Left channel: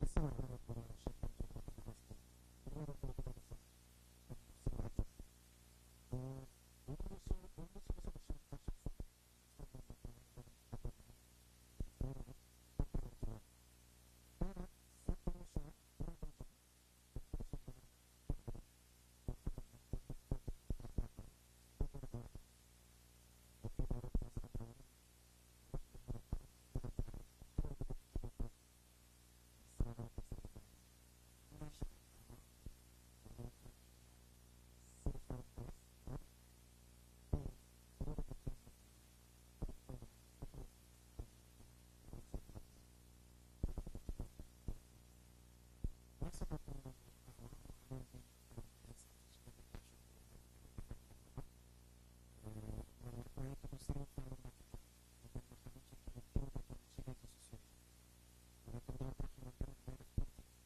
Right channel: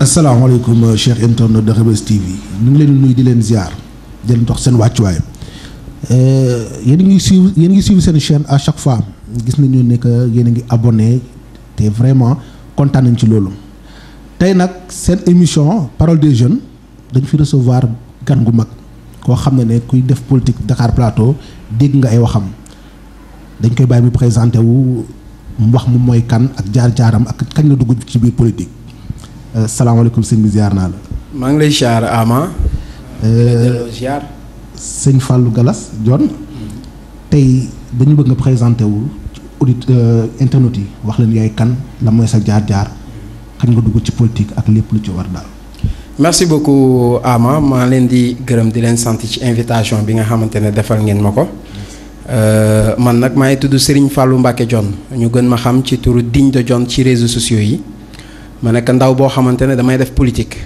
asalaamaaleykum Cheikh internet de Reubeuss TV ñu ngi leen di nuyu di leen ziar di leen dox seen wàccuwaay yéen a ngi suivre seen chaîne à chaque fois gis nañu ne que yéen a ngi abonné te vraiment kontaan nañ ci loolu. tey nag seen émission parole des jeunes dañ fi recevoir gan gu mag koo xam ne kuy def politique Dakar Plateau dégg nga ay waxam dañ koy bàyyi mu présenté wu mu wax mu mooy kan ak jaar-jaaram ak kañ la dugg ci biir politique. salaamaaleykum sëñ bi ziar naa la. maa ngi lay ziar Ama. ziar. sëñ Fallou Galas Dione. tey dañu bëgg nga présenté wu audit internet yi wax leen yaay kan la mooy sa jaar-jaar kañ nga dugg ci politique ak lépp lu ci war daal. merci beaucoup Ama maa leen di gërëm di leen sant ci invitation bi nga xamante ne defal ngeen ma ko. man nag maa ngi tudd Serigne Fallou Mbacké Dione ñu gën ma xam ci turu Digne de Dione ci réseaux sociaux yi. ma nekk ndaw boo xamante ne damay def politique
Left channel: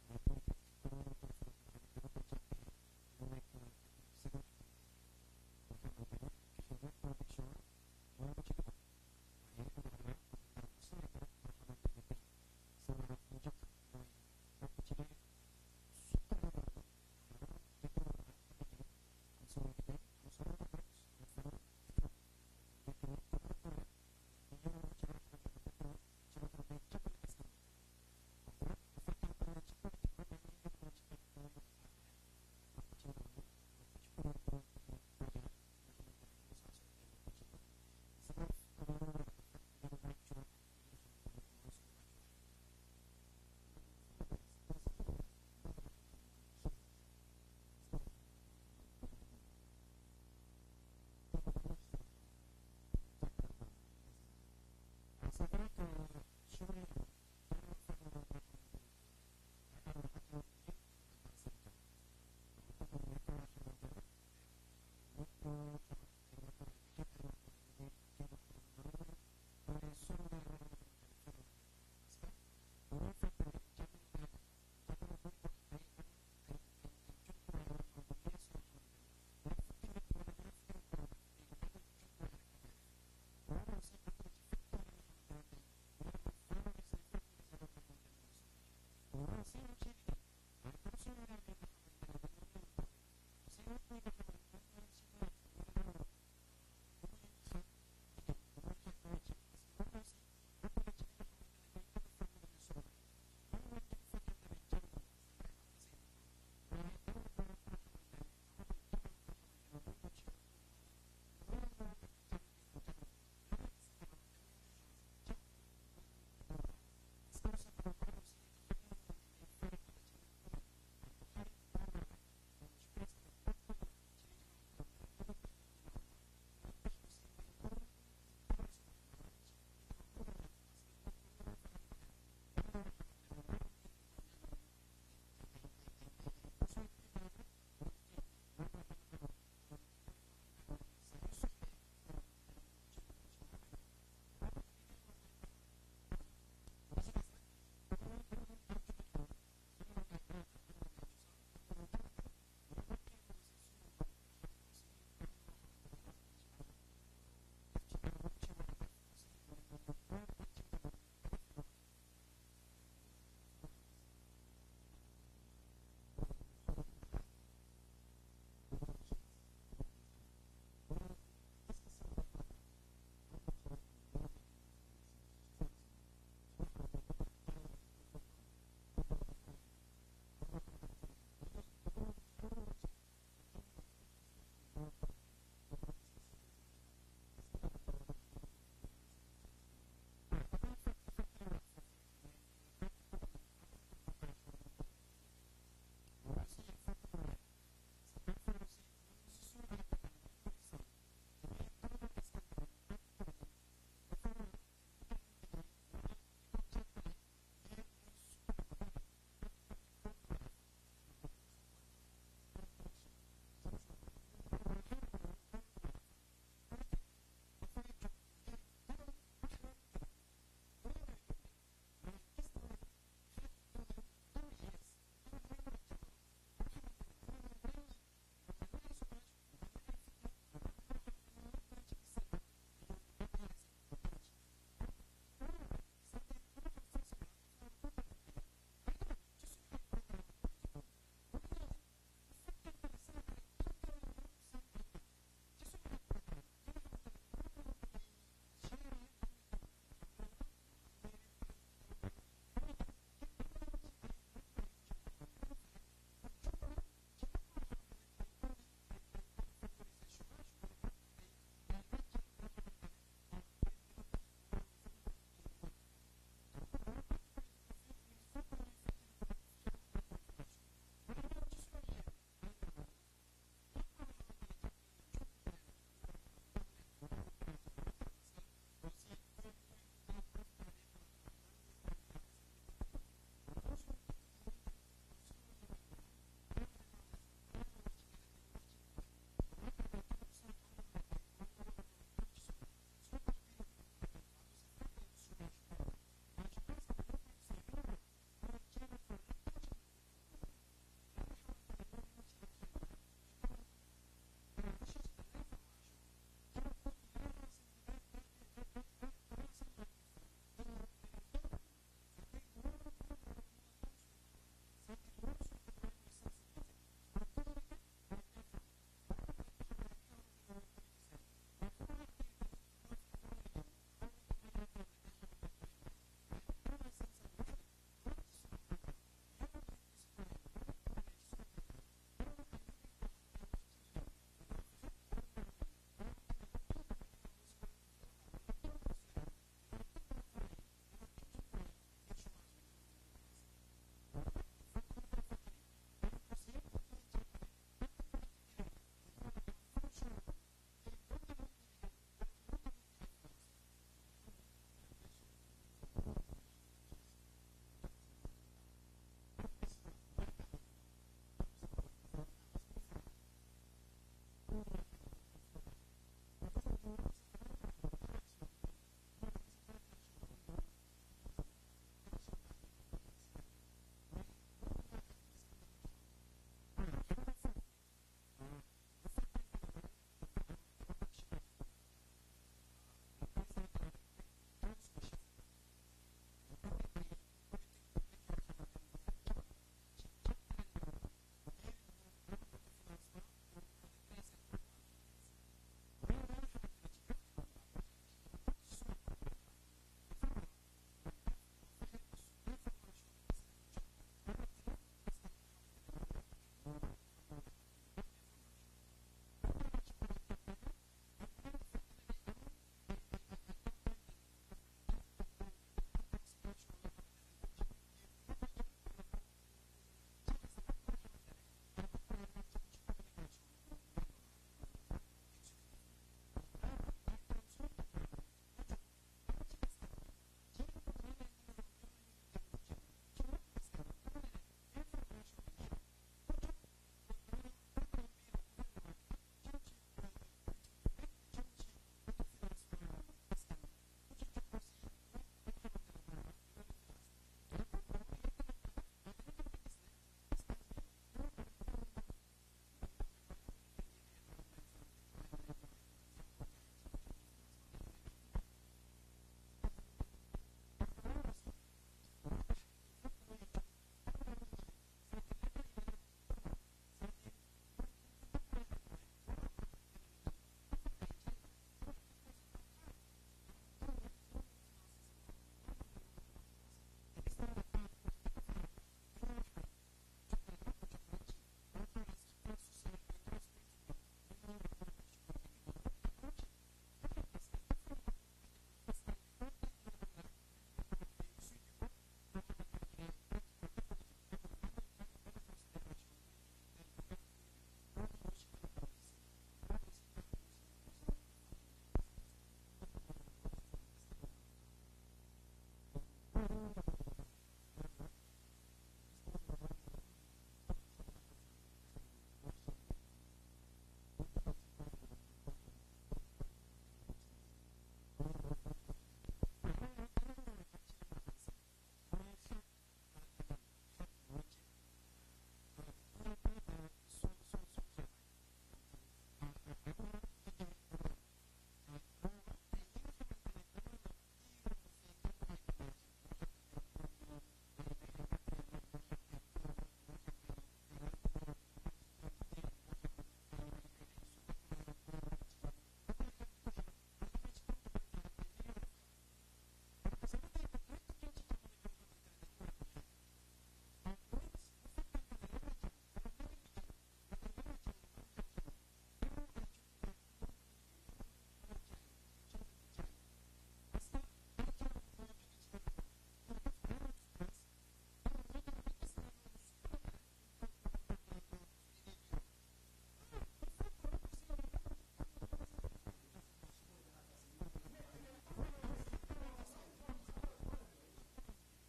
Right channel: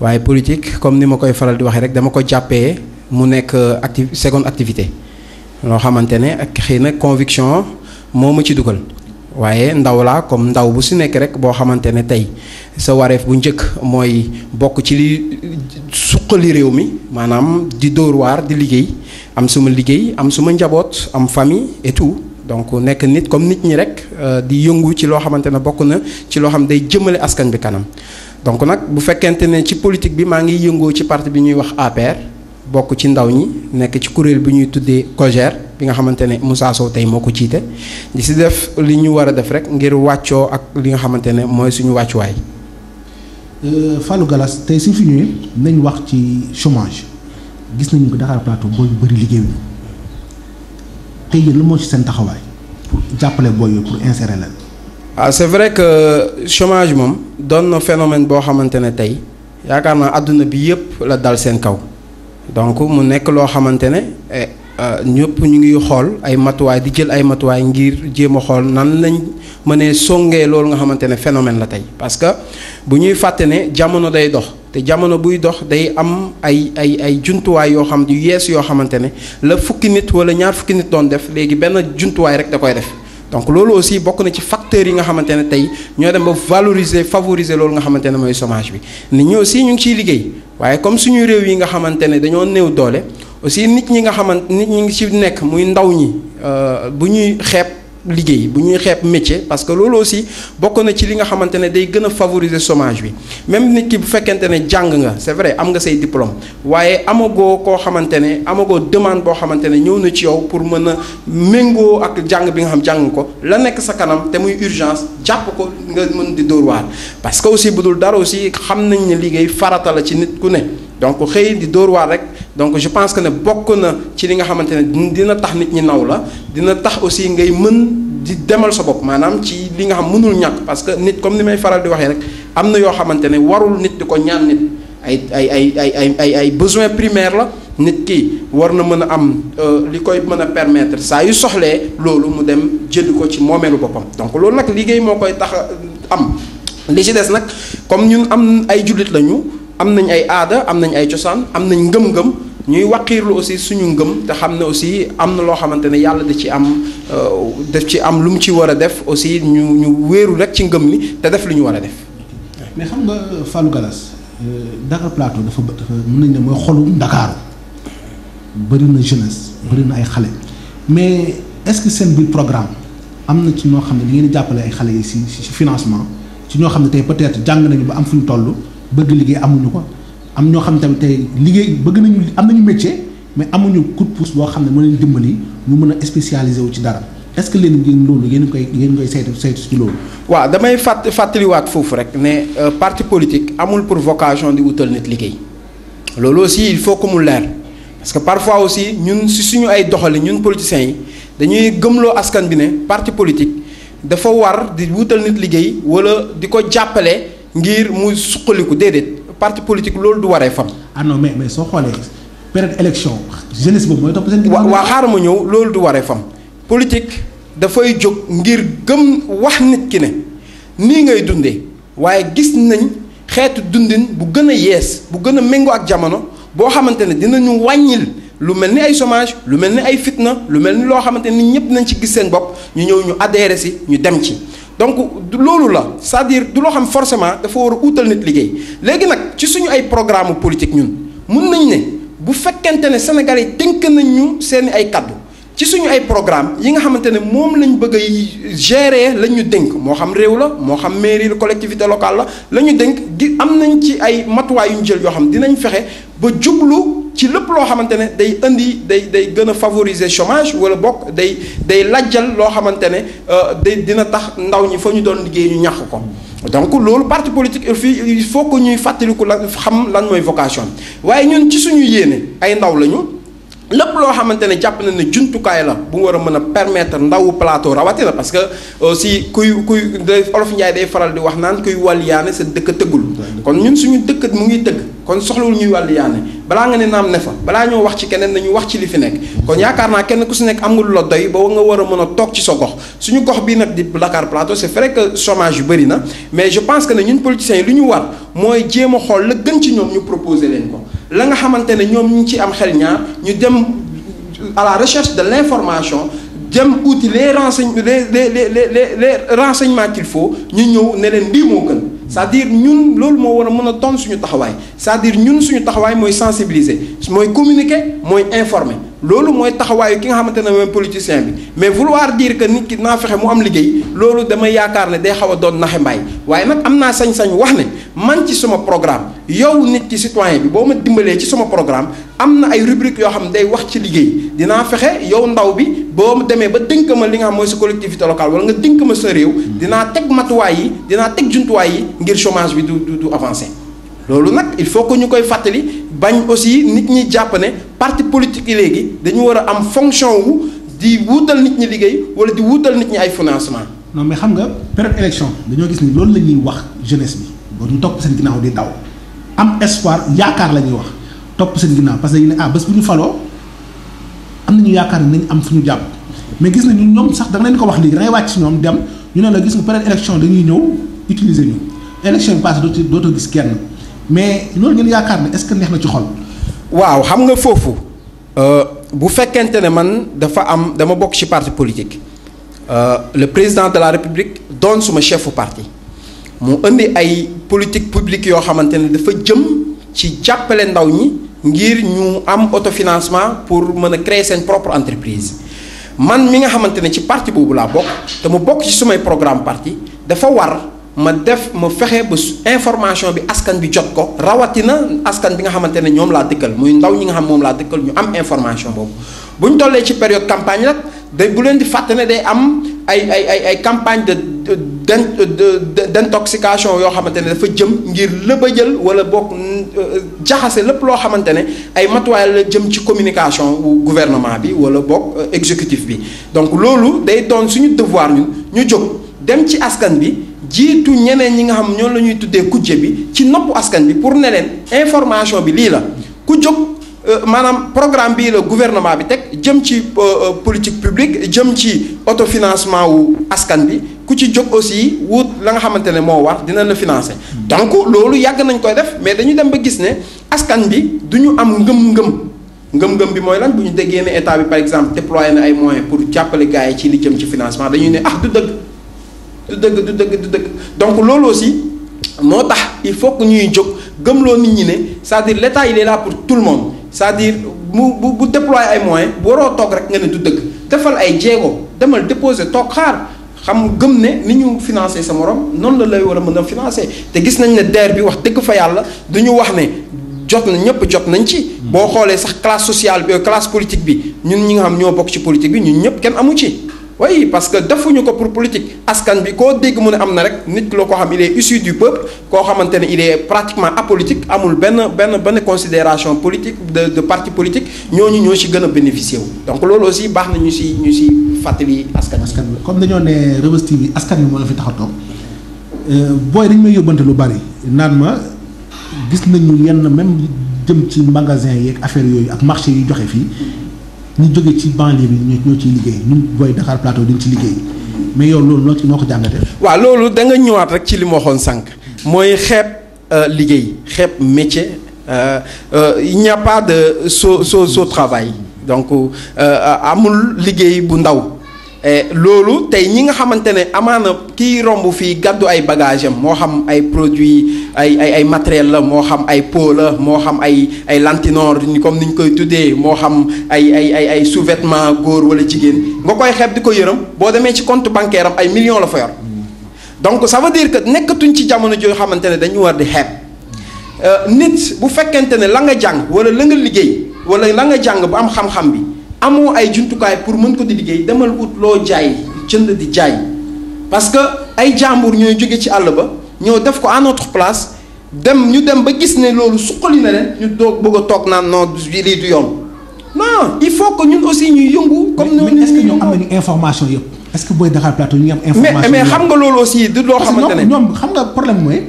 waaye politique comme ni ma koy faral di waxee rek dama ko jàppee mu nekk seconde activité loo xamante ne ak xëy na conviction moo ma ci dugal waaye ndaw laa comme ndaw bu si nekk rek boo xamante ne tey sa wareef bu njëkk mooy bokk ci li suqali réew mi maanaam di dóor waar di liggéey am suma liggéey am suma njaboot am famille et tout. donc nekk nit comme nit ñi rek di yëngu ci loo xamante ne bokk na ci loo xam day jëmale askan bi kanam donc nag bu fekkente ne ci politique bi maa ngi yëngoo ci parti bi ñuy wax APR bokk ci ndaw ñi nekk ci kuréel bi ñuy tuddee COJER bi nga xamante ne Moussa Sow tey moo ko jiite di si def li ñu war a def rek ngir wàccoo ak li nga xamante ne mooy suñu wàccuwaay. Fallou Galas tey suñ fi ñëwee nañ wax ci chômage gis nañu ko Dakar Plateau booy yu bëri liggéeyuñu tey yéen la moo ci seen taxawaay pour jàppale booy yooyu pour insérer leen. c'est vrai que chômage moom doon na phénomène boo xamante ne tey yaakaar naa àdduna bi yëpp la dal seen kaw donc mu nekk loo xamante ne ñëpp ñu ngi xool ay matuwaay di jël ay matuwaay ngir jéem a xool nan lañ mënee songee loolu nga xamante ne phénomène la tey parce que bu ñuy fàtte ne jamono day dox te jamono buy dox day am ay jumtuwaay yoo xam yu yees yoo xamante ne la fukki nit wala ñaar fukki nit doon def léegi benn jumtuwaay rek da koy def donc loolu aussi bokk na ci facteurs yi nga xamante ne tey ñoo dem ba favoriser loolu nga xamante ne mooy chômage bi nit ñi aussi ñu ngi ciy liggéey waaye comme suñu réew yi nga xamante ne dañoo néew doole aussi nit ñi ngi ci nekk muy ndaw ñi bu ñuy xeeb liggéey bu ñuy xeeb métier parce que loolu aussi bokk na ci li nga xamante ne day gën a favoriser chômage bi même nit ki bu fekkente ne jàng nga c'est vrai am nga say diplôme waaye amagoo koo xamante ne amagoo demande boo xamante ne ñëw na ci yow pour mën a méngoo ak jàng bi nga xam jàng ko la nekk sa kanam te muy urgence jàpp ko nga mën di dóor waar parce que aussi bu dul dara aussi xam nañ ne liggéey farata la ci nit ku ne donc xëy di dóor waar rek donc je pense que ne bokk na ci li nga xamante ne dina tax nit ñi naw la dina tax aussi ngay mën di demal sa bopp maanaam ci li nga xam mënul ñàkk parce que nit comme ni may faral di waxee rek am na yoo xamante ne warul nit di ko ñaan nit ay besoin primaire la nit ki war na mën a am li koy mën a permettre saa yu soxlee loolu mu dem jënd ko ci moomeelu boppam donc loolu nag liggéey moo koy tax am li ci des nag comme ñun am ay jullit lañu am nañ ay aada am nañ ay cosaan am nañ ngëm-ngëm ñuy waqiirlu aussi suñu ngëm te xam ne aussi am na loo xamante ne yàlla da ci am def ci am lu mu ci war a def aussi ñu wéeru rek ci ngëm li te def lu ñu war a def. mais xam nga Fallou Galas Dakar Plateau dafa mën nañ ne mooy xolu Ndakaaru bëri na jeunesse bëri na ay xale mais est-ce que seen biir programme am na ci ñoo xam ne da ngeen di jàppale ay xale yi si financement ci ñoo xam ne tey peut-être jàng nañu ba am fu ñu toll bëgg liggéey amuñu ko. am ñoo xam tamit tey liggéey bëgg nañu am nañu métier mais amuñu coup de pouce boo xam ne mën leen dimbali ñu mën a spécialisé wu ci dara est-ce que leen ngeen loolu yéen koy saytu ci loolu. waaw damay fàttaliwaat foofu rek ne parti politique amul pour vocation di wutal nit liggéey loolu aussi il faut que mu leer parce que parfois aussi ñun si suñu ay doxali ñun politiciens yi dañuy gëmloo askan bi ne parti politique dafa war di wutal nit liggéey wala di ko jàppale ngir mu suqaliku déedéet. parti politique loolu du waree fam. ah non mais soo xoolee période élection jeunesse boobu mooy topp seen. waa xaaral ma ñëw loolu du waree fam politique dafay jóg ngir gëm wax nit ki ne nii ngay dundee waaye gis nañ xeetu dundin bu gën a yees bu gën a méngoo ak jamono boo xamante ne dinañu wàññil lu mel ni ay chômage lu mel ni ay fitna lu mel ni loo xamante ni ñëpp nañ ci gis seen bopp ñu ñëw ñu adhéré si ñu dem ci. donc loolu la c'est-à-dire du loo xam forcément dafa war a utal nit liggéey léegi nag ci suñu ay programme politique ñun mun nañ ne bu fekkente ne Sénégalais yi tënk nañ ñu seeni ay kaddu ci suñu ay programme yi nga xamante ne moom lañ bëgg a gérer lañ ñu dénk moo xam réew la moo xam mairie la collectivité locale la ñu dénk di am nañ ci ay matuwaay yu ñu jël yoo xam dinañ fexe ba jublu ci lépp loo xamante ne day indi day gën a favoriser chômage wala bokk day lajjal loo xamante ne dina tax ndaw ñi fa ñu doon liggéey ñu ñàkk ko. donc loolu parti politique il faut que ñuy fàttaliku la xam lan mooy vocation waaye ñun ci suñu yéene ay ndaw lañu. lépp loo xamante ne jàpp na ne jumtukaay la bu war a mën a permettre ndawu plateau rawatina parce que aussi kuy olof Njaay day faral di wax naan kuy wàlliyaane sa dëkk tëggul kon ñun suñu dëkk mu ngi tëgg kon soxlawul ñuy wàlliyaane balaa nga ne naam ne fa balaa ñoo wax ci keneen nañu wax ci li fi nekk kon yaakaar naa kenn ku si nekk am nga lu la doy ba nga war a mën a toog ci sa gox suñu gox bii nag di Dakar Plateau c'est vrai que chômage yu bëri na mais je pense que ne ñun politiciens yi lu ñu war mooy jéem a xool la gën ci ñoom ñu proposer leen ko la nga xamante ne ñoom ñu ci am xel ñaar ñu dem à la recherche de l'information dem outil les renseignements qu'il faut ñu ñëw ne leen lii moo gën c'est-à-dire ñun loolu moo war a mën a doon suñu taxawaay c'est-à-dire ñun suñu taxawaay mooy sensibiliser mooy communiquer mooy informer loolu mooy taxawaayu ki nga xamante ne mooy politicien bi mais vouloir dire que nit ki naa fexe mu am liggéey loolu damay yaakaar ne day xaw a doon naxe mbaay waaye nag am naa sañ-sañ wax ne man ci sama programme yow nit ki citoyen bi boo ma dimbalee ci sama programme am na ay rubrique yoo xam ne day wax ci liggéey dinaa fexe yow ndaw bi boo demee ba dénk ma li nga xam mooy sa collectivité locale wala nga dénk ma sa réew dinaa teg matuwaay yi dinaa teg jumtuwaay yi ngir chômage bi du avancer loolu nag il faut que ñu koy fàttali bañ aussi nit ñi jàpp ne parti politique yi léegi dañu war a am fonction wu di wuutal nit ñi liggéey wala di wuutal nit ñi ay financement. non mais xam nga période élection dañoo gis ni loolu la ñuy wax jeunesse bi ba ñu topp seen ginnaaw di daw am espoir yaakaar la ñuy wax topp seen ginnaaw parce que dañu ne bés bu ñu faloo am nañu yaakaar ne nañ am fu ñu jàpp mais gis nañu ñoom sax da nga leen ko wax léegi da ngay wàcc si ñoom dem ñu ne la gis nga période élection dañuy ñëw utiliser ñu élection bi passé dootoo gis kenn. mais loolu ngeen yaakaar ne est-ce que neex na ci xol. waaw xam nga foofu bu fekkente ne man dama bokk ci parti politique le président de la république doon suma chefu parti mu indi ay politique publique yoo xamante ne dafa jëm ci jàppale ndaw ñi ngir ñu am autofinancement pour mën a créer seen propre entreprise man mi nga xamante ne ci parti boobu laa bokk te mu bokk ci sumay programme parti dafa war. ma fexe ba information bi askan bi jot ko rawatina askan bi nga xamante ne ñoom laa dëkkal muy ndaw ñi nga xam moom laa dëkkal ñu am information boobu bu ñu tollee ci période campagne nag bu leen di fàtte ne day am ay campagne d'intoxication yoo xamante ne dafa jëm ngir lëbëjal wala boog jaxase lépp loo xamante ne ay matuwaay la jëm ci communication wu gouvernement bi wala boog exécutif bi donc loolu day doon suñu devoir ñu jóg dem ci askan bi jiitu ñeneen ñi nga xam ñoom la ñuy tuddee kujje bi ci noppu askan bi pour ne leen information bi lii la ku jóg maanaam programme bii la gouvernement bi teg jëm ci politique publique jëm ci autofinancement wu askan bi ku ci jóg aussi wut la nga xamante ne moo war dina la financer. donc loolu yàgg nañ koy def mais dañu dem ba gis ne askan bi du ñu am ngëm-ngëm bi mooy lan bu ñu déggee ne état bi par exemple déployé na ay moyens pour jàppale gars yi ci li jëm ci financement dañuy ne du dëgg donc loolu aussi moo tax il faut que ñuy jóg gëmloo nit ñi ne c'est-à-dire l'État il est là pour tout le monde c'est-à-dire bu déployer ay moyens bu waroo toog rek nga ne du dëgg defal ay jéego demal déposer toog xaar xam gëm ne ni ñu financer sa morom noonu la lay war a mën a financer te gis nañ ne DER bi wax dëgg fa yàlla du ñu wax ne jot na ñëpp jot nañ ci. boo xoolee sax classe sociale bi classe politique bi ñun ñi nga xam ñoo bokk ci politique bi ñun ñëpp kenn amu ci. oui parce que defuñu ko pour politique askan bi koo dégg mu ne am na rek nit loo ko xam il est issu du peuple koo xamante ne il est pratiquement apolitique amul benn considération politique de parti politique ñooñu ñoo ci gën a bénéficier wu donc loolu aussi baax na ñu si fàttali askan bi comme dañoo ne Reubeuss TV askan bi moo la fi tax a toog booy dañu may yóbbante lu bari naan ma gis nañu yenn même jëm ci magasin yeeg affaire yooyu ak marché yi joxe fii ñu jóge ci banlieue bi ñoo ciy liggéey ñun booy Dakar Plateau dañ ci liggéey mais yow loolu noo ko jàngatee. waaw loolu da nga ñëwaat rek ci li ma waxoon sànq mooy xeeb liggéey xeeb métier il n'y a pas de so travail donc amul liggéey bu ndaw. loolu tey ñi nga xamante ne amaana kii romb fii gàddu ay bagage am moo xam ay produits ay matériel la moo xam ay pot la moo xam ay lantinoor comme ni ñu koy tuddee moo xam ay sous-vêtements góor wala jigéen nga koy xeeb di ko yërëm boo demee ci compte bancaire am ay millions la fa yor donc ça veut dire que nekkatuñ ci jamono joo xamante ne dañu war di xeeb nit bu fekkente ne la nga jàng wala la nga liggéey wala la nga jàng bu am xam-xam bi amoo ay jumtukaay pour mën ko di liggéey demal ut loo jaay jënd di jaay parce que ay jàmbur ñooy jóge ci àll ba ñoo def ko à notre place ñu dem ba gis ne loolu suqali na leen ñu doog bëgg a toog naan non lii du yoon non il faut que ñun aussi ñuy yëngu. comme mais est-ce que ñoom am nañu information yëpp est-ce que booy Dakar Plateau ñu ngi am information mais xam nga loolu aussi du loo xamante ne ñoom xam nga problème mooy.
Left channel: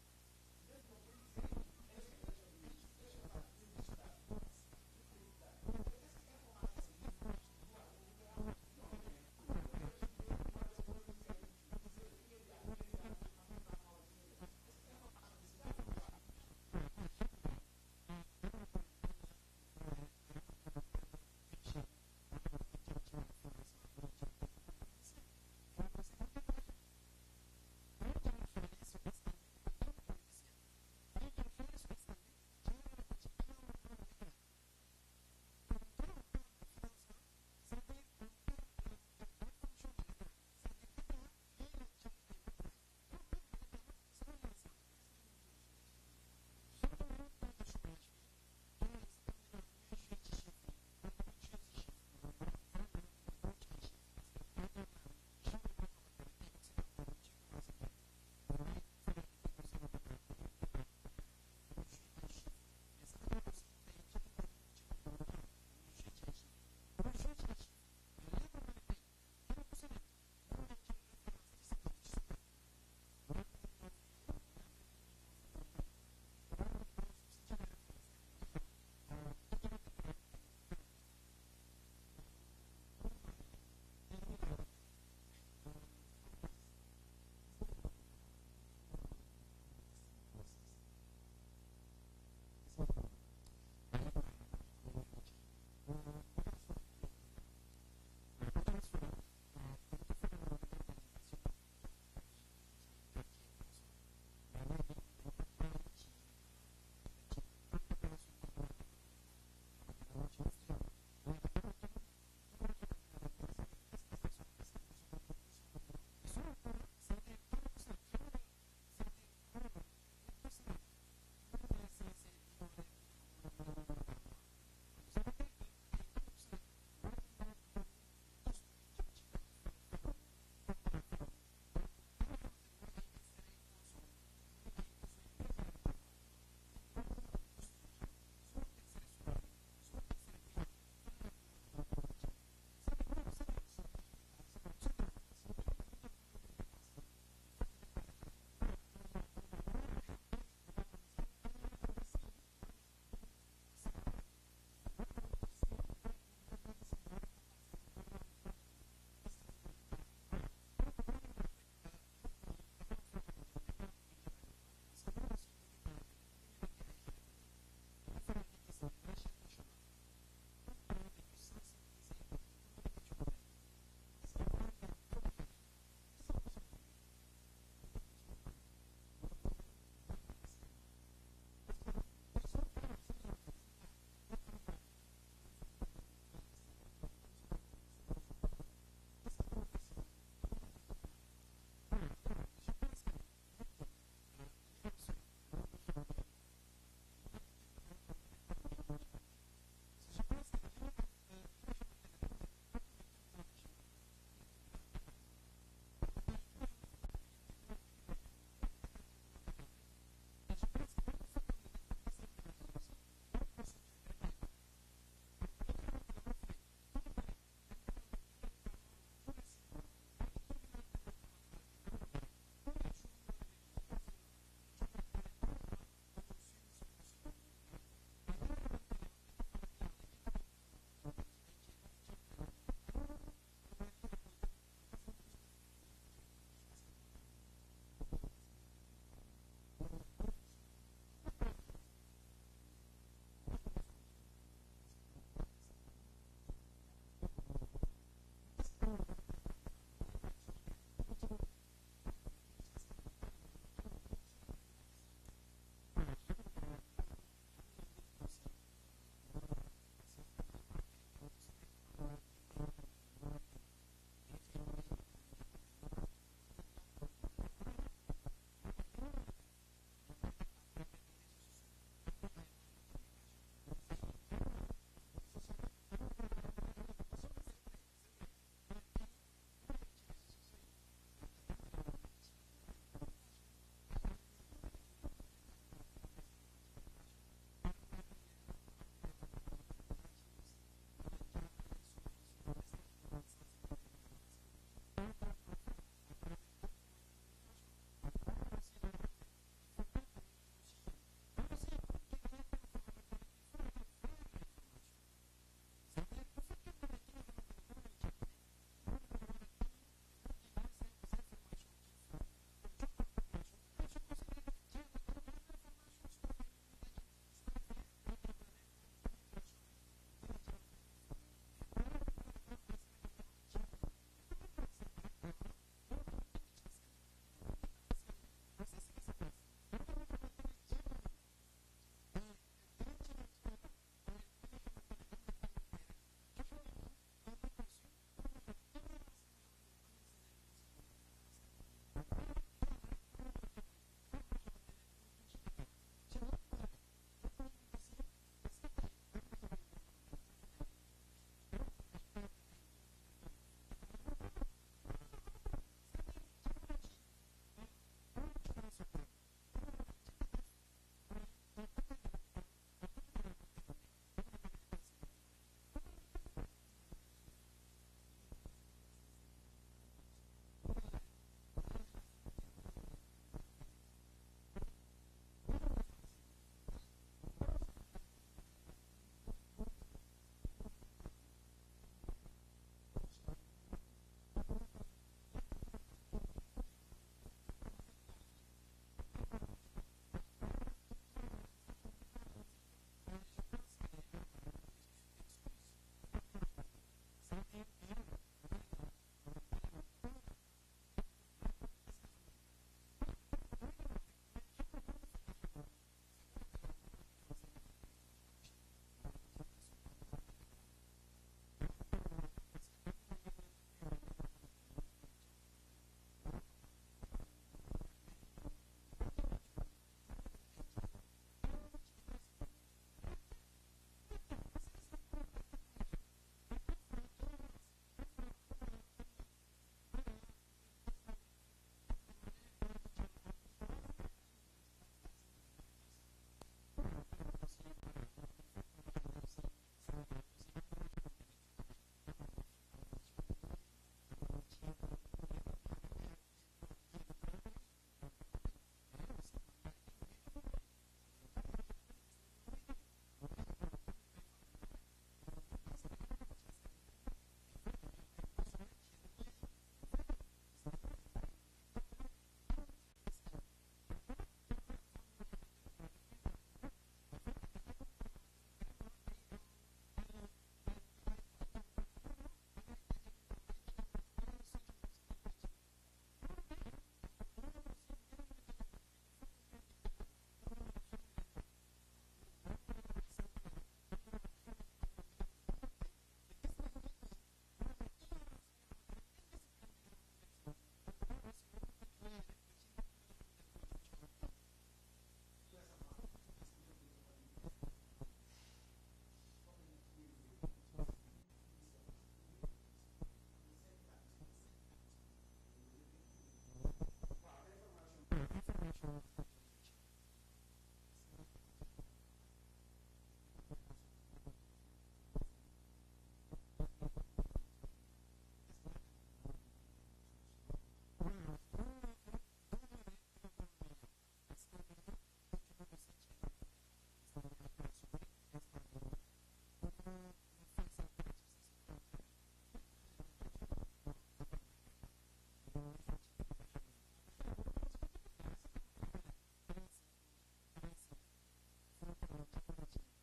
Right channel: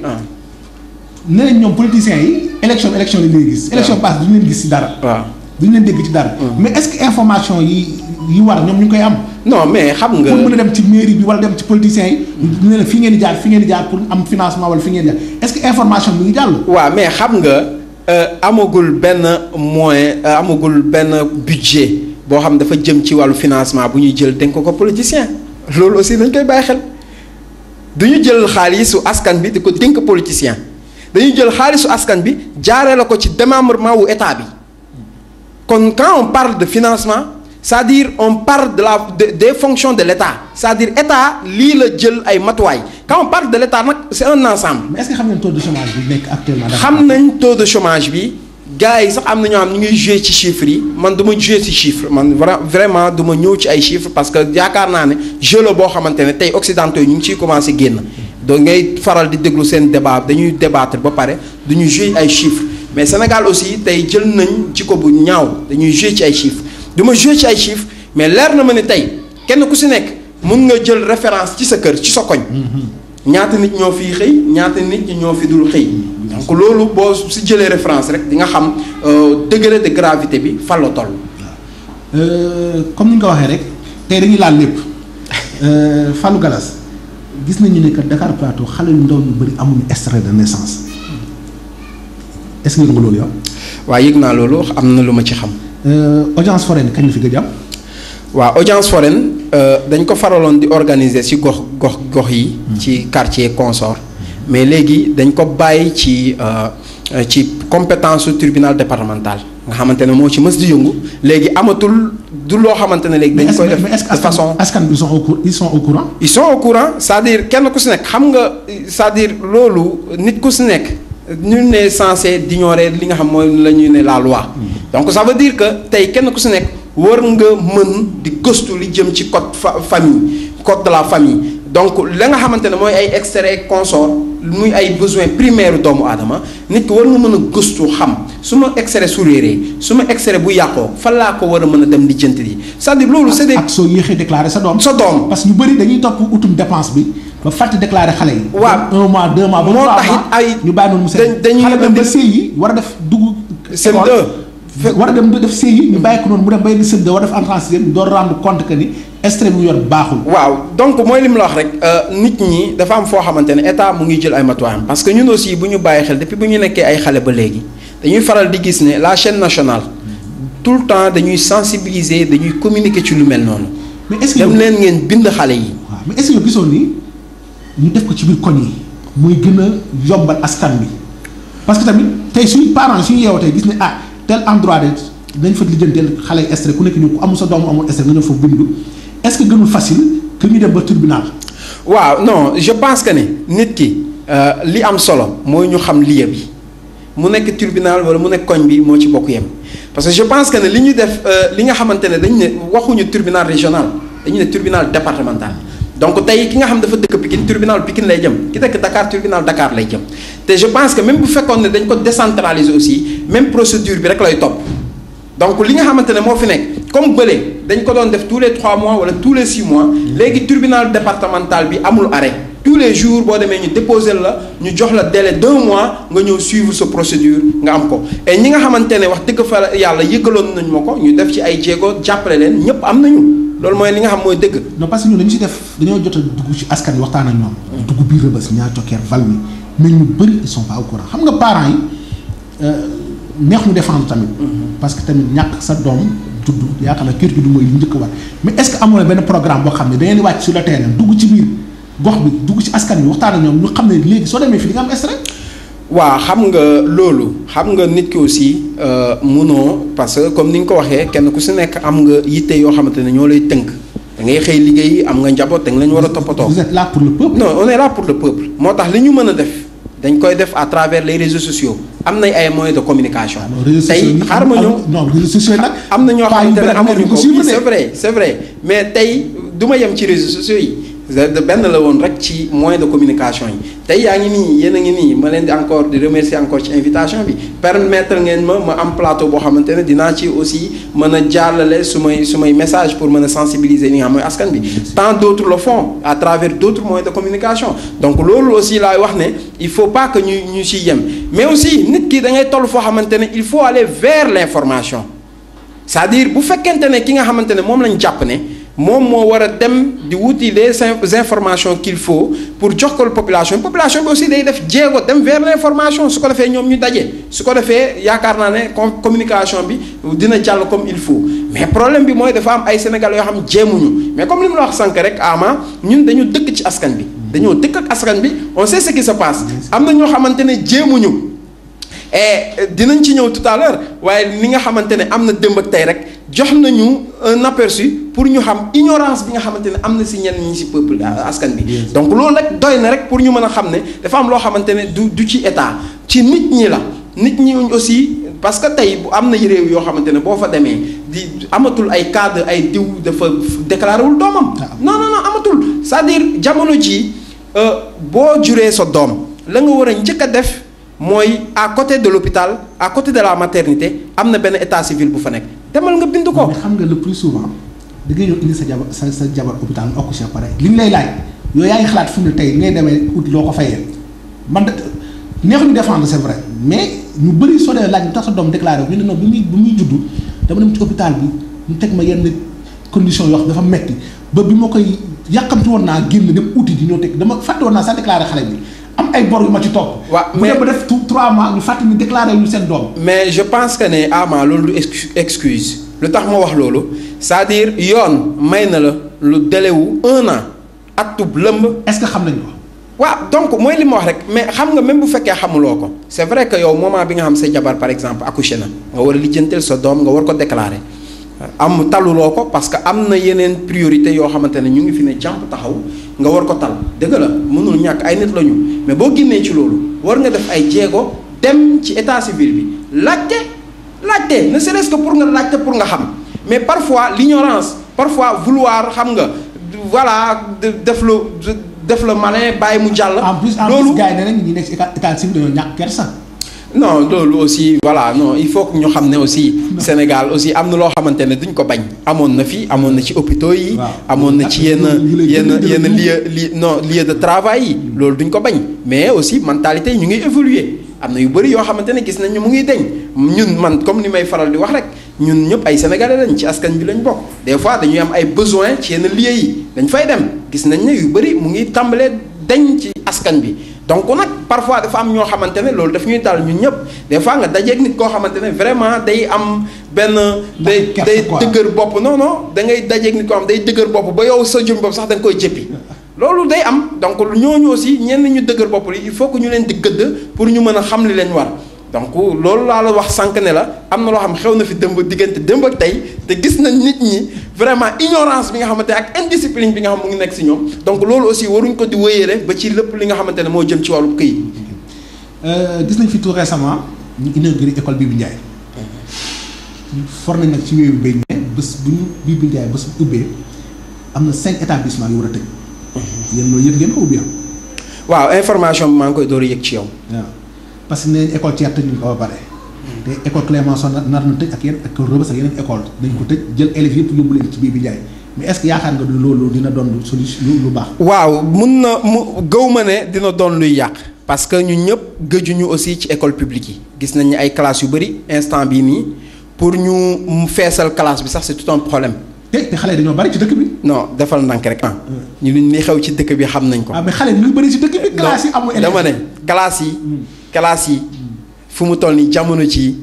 nee nañ ñoom politiciens yi élection la ñuy gis. élection passe du ñu leen gis ci dara. waaw. duñu leen dégg ci dara. mais est-ce que information yi war ñoom ñu ngi koy am. non mais xam nga. pour mën a dem ci mairie bi wala dem ci politiciens yi. ñu ne la fii ngeen di jaar pour am financement wala fi ngeen di jaar est-ce que information bi ngi jàll. waaw mais xam nga amagul benn moyen amagul benn budget boo xam dafa jëm ci wàllu financement bu ñuy jël dénk ko politicien loolu aussi dañ koy bàyyi xel duñu jël xaalisu askan bi di ko dénk politicien dañuy jël xaalisu askan bi jaaree la ko ci démembrement wu état bi. Quand on parle de financement, c'est-à-dire on parle des fonctions de l'État. C'est-à-dire l'État, lii la jël ay matuwaay. Quand on parle de l'État nag c'est un ensemble. Mais est-ce que xam nañ taux de chômage bi nekk actuellement. xam nañ taux de chômage bi gars yi sax am na ñoo xam ñu ngi jouer ci chiffres yi man du ma jouer ci chiffres man vraiment du ma ñëw ci ay chiffres parce que yaakaar naa ne jeu la boo xamante ne tey occidentaux yi ñu ngi ciy commencé génn. donc ngay faral di déglu seen débat dañuy débattre ba pare du ñu jouer ay chiffres. mais Sénégal aussi tey jël nañ ci ko bu ñaaw dañuy jouer ci ay chiffres du ma jouer ci ay chiffres mais leer na ma ne tey kenn ku si nekk mun nga jël référence ci sa kër ci sa koñ. ñaata nit ñoo fiy xëy ñaata nit ñi ñoo fi dul xëy. donc loolu boo si jëlee référence rek di nga xam degré de gravité bi fan la toll. comme ni nga ko waxee rek tey dañuy laal lépp Fallou Gallas gis nañu ne que Dakar Plateau xale yu ndaw ñu bëri amuñu extrait de naissance. est-ce que yëg nga loolu yow. waaw yëg naa loolu am na lu ma ci xam. audience foraine kañ la fi gëj am. waaw audience foraine dañ ko faraloon di organiser ci gox yi. ci quartier consort mais léegi dañ ko bàyyi ci compétence su tribunal départemental nga xamante ne moo ci mës di yëngu léegi amatul du loo xamante ne léegi. dañ koy def de façon askan bi ils sont au courant. ils sont au courant c'est-à-dire kenn ku si nekk xam nga c'est-à-dire loolu nit ku si nekk. nul n'est censé d'ignorer li nga xam mooy la ñuy ne la loi. donc ça veut dire que tey kenn ku si nekk war nga mën di gëstu li jëm ci code de la famille donc la nga xamante ne mooy ay extrait consort muy ay besoins primaires doomu aadama nit ki war nga mën a gëstu xam su ma extrait su réeree su ma extrait bu yàqoo fan laa ko war a mën a dem lijjanti yi c'est-à-dire loolu c'est des. ak soo yéexee déclarer sa doom. parce que ñu bëri dañuy topp utum dépense bi. ba fàtte déclaré xale yi. waaw 1 mois 2 mois ba 3 mois moo taxit ay ñu bàyyi noonu mu seet. dañuy xale dem ba sëy yi war a def dugg. CM2 war a dem def sëy yi ñu bàyyi ko noonu mu dem ba yegg CM2 war a def entrée en sixième ñu doon rendre compte que ni extrait mu yor baaxul. waaw donc mooy li mu la wax rek nit ñi dafa am foo xamante ne état mu ngi jël ay matuwaayam parce que ñun aussi bu ñu bàyyi xel depuis bu ñu nekkee ay xale ba léegi dañuy faral di gis ne la chaîne nationale tout le temps dañuy sensibiliser dañuy communiquer ci lu mel noonu. mais est-ce que dem leen ngeen bind xale yi. waaw mais est-ce que yow gisoon ni ñu def ko ci biir koñ yi muy gën a yombal askan bi parce que tamit tey suñu parents suñu yeewoo tey gis ne ah tel endroit de dañ fa lijjanteel xale yi extrait ku nekk ñu ku amul sa doom amul extrait nga ñëw foofu bindu est-ce que gënul facile que ñu dem ba tribunal. waaw non je pense que ne nit ki li am solo mooy ñu xam lieu bi mu nekk tribunal wala mu nekk koñ bi moo ci bokk yem parce que je pense que ne li ñu def li nga xamante ne dañu ne waxuñu tribunal régional dañu ne tribunal départemental. donc tey ki nga xam dafa dëkk Pikine tribunal Pikine lay jëm ki dëkk Dakar tribunal Dakar lay jëm te je pense que même bu fekkoon ne dañ ko décentraliser aussi même procédure bi rek lay topp donc li nga xamante ne moo fi nekk comme bële dañ ko doon def tous les 3 mois wala tous les 6 mois léegi tribunal départemental bi amul arrêt tous les jours boo demee ñu déposer la ñu jox la délai d'1 mois nga ñëw suivre sa procédure nga am ko et ñi nga xamante ne wax dëgg fa yàlla yëgaloon nañ ma ko ñu def ci ay jéego jàppale leen ñëpp am nañu. loolu mooy li nga xam mooy dëgg. non parce que ñun dañu si def dañoo jot a dugg ci askan wi waxtaan ak ñoom. dugg biir Rebeuss ñaar Thioker Valmy mais ñu bëri ils sont pas au courant xam nga parents yi neex mu défendre tamit. parce que tamit ñàkk sa doom juddu yaakaar naa kër gi du mooy li njëkk a war mais est-ce que amoon na benn programme boo xam ne da ngeen di wàcc sur le terrain dugg ci biir gox bi dugg ci askan wi waxtaan ak ñoom ñu xam ne léegi soo demee fii di nga am stress. waaw xam nga loolu xam nga nit ki aussi munoo parce que comme ni nga ko waxee kenn ku si nekk am nga yitte yoo xamante ne ñoo lay tënk da ngay xëy liggéey am nga njaboot da nga leen war a toppatoo. vous êtes là pour le peuple. non on est là pour le peuple moo tax li ñu mën a def dañ koy def à travers les réseaux sociaux am nañ ay moyens de communication. tey xaaral ma ñëw non réseaux sociaux nag. am na ñoo xamante ne amuñu ko oui c'est vrai mais tey du ma yem ci réseaux sociaux yi. benn la woon rek ci moyen de communication yi tey yaa ngi nii yéen a ngi nii ma leen di encore di remercier encore ci invitation bi permettre ngeen ma am plateau boo xamante ne dinaa ci aussi mën a jàllale su may message pour mën a sensibiliser li nga xam mooy askan bi tant d'autres le font à travers d'autres moyens de communication donc loolu aussi laay wax ne il faut pas que ñu ciy yem mais aussi nit ki da ngay toll foo xamante ne il faut aller vers l'information c'est-à-dire bu fekkente ne ki nga xamante ne moom lañ jàpp ne moom moo war a dem di wuti les informations qu'il faut pour jox ko population bi aussi day def jéego dem vers l'information su ko defee ñoom ñu daje su ko defee yaakaar naa ne communication bi dina jàll comme il faut mais problème bi mooy dafa am ay Sénégalais yoo xam jéemuñu mais comme li mu la wax sànq rek ama ñun dañu dëkk ci askan bi dañoo dëkk ak askan bi on sait ce qui se passe am na ñoo xamante ne jéemuñu et dinañ ci ñëw tout à l'heure waaye li nga xamante ne am na démb ak tey rek jox nañu un aperçu pour ñu xam ignorance bi nga xamante ne am na si ñenn ñi si peuple askan bi donc loolu rek doy na rek pour ñu mën a xam ne dafa am loo xamante ne du ci état ci nit ñi la nit ñi aussi parce que tey bu am na réew yoo xamante ne boo fa demee di amatul ay cadre ay diw dafa déclaré wul doomam non amatul c'est-à-dire jamono ji boo juree sa doom la nga war a njëkk a def mooy à côté de l'hôpital à côté de la maternité am na benn état civil bu fa nekk demal nga bind ko. mais xam nga le plus souvent da ngay ñëw indi sa jabar hôpital nga accouché pare li ñu lay laaj yow yaa ngi xalaat fu mu ne tey ngay demee ut loo ko fayee man neexuñu défendre c'est vrai mais ñu bëri soo dee laaj lu tax sa doom déclaré ñu ne non bu muy juddu dama dem ci hôpital bi ñu teg ma yenn conditions yoo xam dafa metti ba bi ma koy yàqamti woon naa génn dem uti di ñoo teg dama fàtte woon naa sax déclaré xale bi. am ay bor yu ma ci topp. waaw mais bu def 3 mois ñu fàttali ñu déclaré ñu seen doom. mais je pense que ne ama loolu du excuse lu tax ma wax loolu c'est-à-dire yoon may na la lu délai wu 1 an atub lëmb. est-ce que xam nañu ko. waaw donc mooy li ma wax rek mais xam nga même bu fekkee xamuloo ko c'est vrai que yow moment bi nga xam sa jabar par exemple accouché na nga war a lijjanteel sa doom nga war ko déclarer am taluloo ko parce que am na yeneen priorité yoo xamante ne ñu ngi fi ne jàmp taxaw nga war ko tal dëgg la mënul ñàkk ay nit lañu mais boo génnee ci loolu war nga def ay jéego dem ci état civil bi laajte ne serait-ce que pour nga laajte pour nga xam mais parfois l'ignorance parfois vouloir xam nga voilà def la malin bàyyi mu jàll. loolu gars yi nee nañ ñi nekk ci état civil dañoo ñàkk kersa. non loolu aussi voilà non il faut que ñu xam ne aussi Sénégal aussi am na loo xamante ne duñ ko bañ amoon na fi amoon na ci hôpitaux yi amoon na ci yenn lieu de travail yi loolu duñ ko bañ mais aussi mentalité yi ñu ngi évoluer am na yu bëri yoo xamante ne gis nañ ñu mu ngi deñ ñun man comme ni may faral di wax rek ñun ñëpp ay sénégalais lañ ci askan bi lañ bokk des fois dañuy am ay besoins ci yenn lieux yi dañ fay dem gis nañ ne yu bëri mu ngi tàmbalee dañ ci askan bi donc nag parfois dafa am ñoo xamante ne loolu daf ñuy dal ñun ñëpp des fois nga dajeeg nit koo xamante ne vraiment day am benn day dëgër bopp non da ngay dajeeg nit koo xam day dëgër bopp ba yow sa jëm bopp sax da nga koy jëppi loolu day am donc ñooñu aussi ñenn ñu dëgër bopp li il faut que ñu leen di gëdd pour ñu mën a xam li leen war donc loolu laa la wax sànq ne la am na loo xam xew na fi diggante démb ak tey te gis nañ nit ñi vraiment ignorance bi nga xamante ne ak indiscipline bi nga xam mu ngi nekk si ñoom donc loolu aussi waruñ ko di wéyale ba ci lépp li nga xamante ne moo jëm ci wàllu këyit. gis nañ fi tout récemment ñu inauguré école Bibi Ndiaye for nañ nag ci wéewu béy ne bés bu ñu Bibi Ndiaye bés bu ubbee am na 5 établissements yu war a tëj yéen loolu yëg ngeen ko ubbi waaw information bi maa ngi koy door a yëg ci yow. waaw parce que nee nañ école Thiès tëj ñu ko ba pare te école Clémenceau nar na tëj ak yeneen école Rebeuss ak yeneen école dañ ko tëj jël élèves yëpp yóbbu leen ci Bibi Ndiaye mais est-ce que yaakaar nga loolu dina doon solution lu baax. waaw mun na gëw ma ne dina doon luy yàq parce que ñun ñëpp gëjuñu aussi ci école publique yi gis nañ ne ay classes yu bëri instant bii nii pour ñu feesal classe bi sax c'est tout un problème. te xale yi dañoo bari ci dëkk bi. non defal ndànk rek ñu li xew ci dëkk bi xam nañ ko. mais xale yi ñu bëri ci dëkk bi. classes yi amul élèves dama ne classes yi fu mu toll nii jamono ci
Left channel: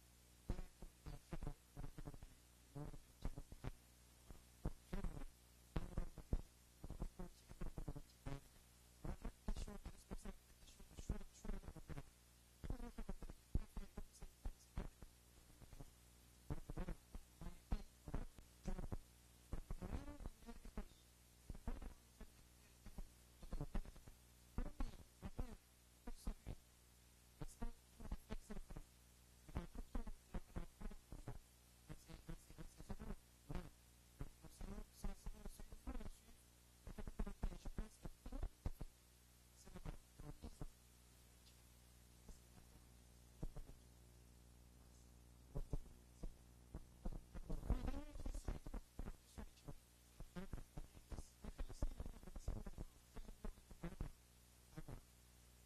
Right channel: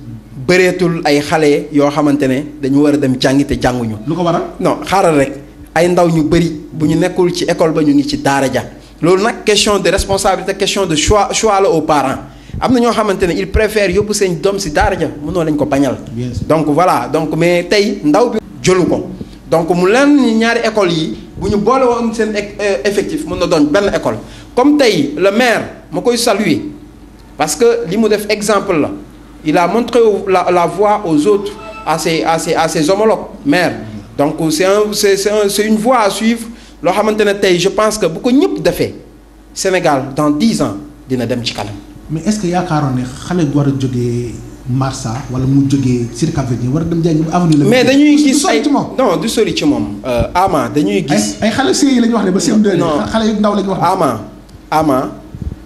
bëreetul ay xale yoo xamante ne dañu war a dem jàngi te jànguñu. lu ko waral non xaaral rek ay ndaw ñu bëri bu ñu nekkul ci école ba ñu ngi ci daara ja loolu nag question de responsabilité question de choix la aux parents am na ñoo xamante ne ils préfèrent yóbbu seen doom si daara ja mënoo lañ ko bañal. donc voilà donc mais tey ndaw bi jëlu ko donc mu leen ñaari école yi bu ñu boole woon seen effectif mën na doon benn école comme tey le maire ma koy saluer parce que li mu def exemple la. Il a montré la voie aux autres, à ses homologues maires. Donc c'est une voie à suivre. Je pense que beaucoup de defee Sénégal dans 10 ans dina dem ci kanam. mais est-ce que yaakaaroon ne xale war a jógee Marsa wala mu jógee Sicap Avenue war a dem jàngi avenue la. mais dañuy gis ay non du sori ci moom. Ama dañuy gis. ay xale CI la ñu wax ne ba CM2. non xale yu ndaw la ñu wax. Ama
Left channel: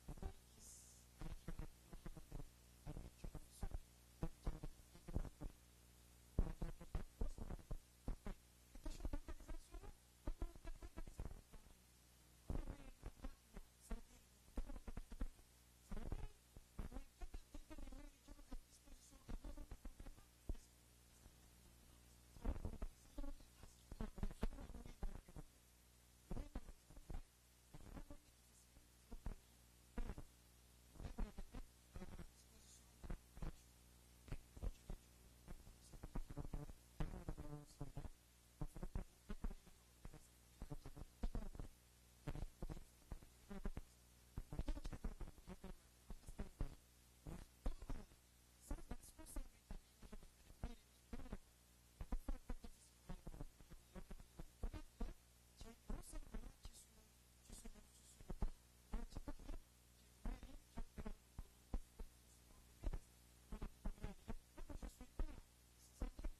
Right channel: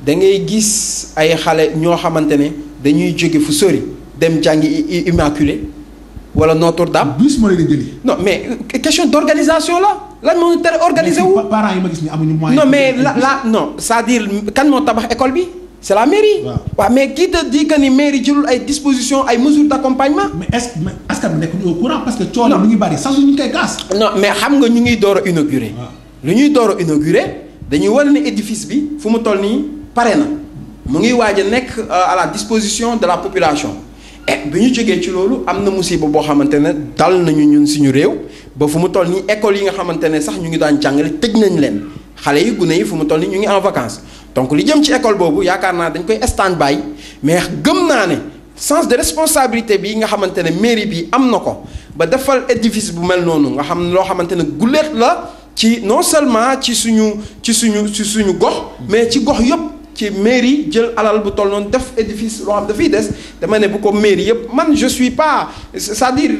da ngay gis ay xale ñoo xamante ne. dañuy jóge fu sori dem jàngi Immaculée wala Notre-Dame. bus moo leen di jëli. non mais question d'organisation la lan moo ñu tere organiser wu. parents yi ma gis ni amuñu moyen. non mais non c'est-à-dire kan moo tabax école bi c'est la mairie. waaw mais qui te dit que ni mairie jëlul ay dispositions ay mesures d'accompagnement. mais est-ce que askan bi nekk au courant parce que coono mi ngi bari sax ñu ngi koy gas. non mais xam nga ñu ngi door a inaugurer. lu ñuy door a inaugurer dañuy wane ne édifice bi fu mu toll nii pare na. mu ngi waaj a nekk à la disposition de la population et bi ñu jógee ci loolu am na musiba boo xamante ne dal nañu ñun suñu réew ba fu mu toll nii école yi nga xamante ne sax ñu ngi daan jàngale tëj nañ leen xale yi gune yi fu mu toll nii ñu ngi en vacances donc li jëm ci école boobu yaakaar naa dañ koy stand by mais gëm naa ne sens de responsabilité bi nga xamante ne mairie bi am na ko ba defal édifice bu mel noonu nga xam loo xamante ne guléet la ci non seulement ci suñu gox mais ci gox yëpp. ci mairie jël alal bu toll noonu def édifice loo xam dafay des dama ne bu ko mairie yëpp man je suis pas c'est-à-dire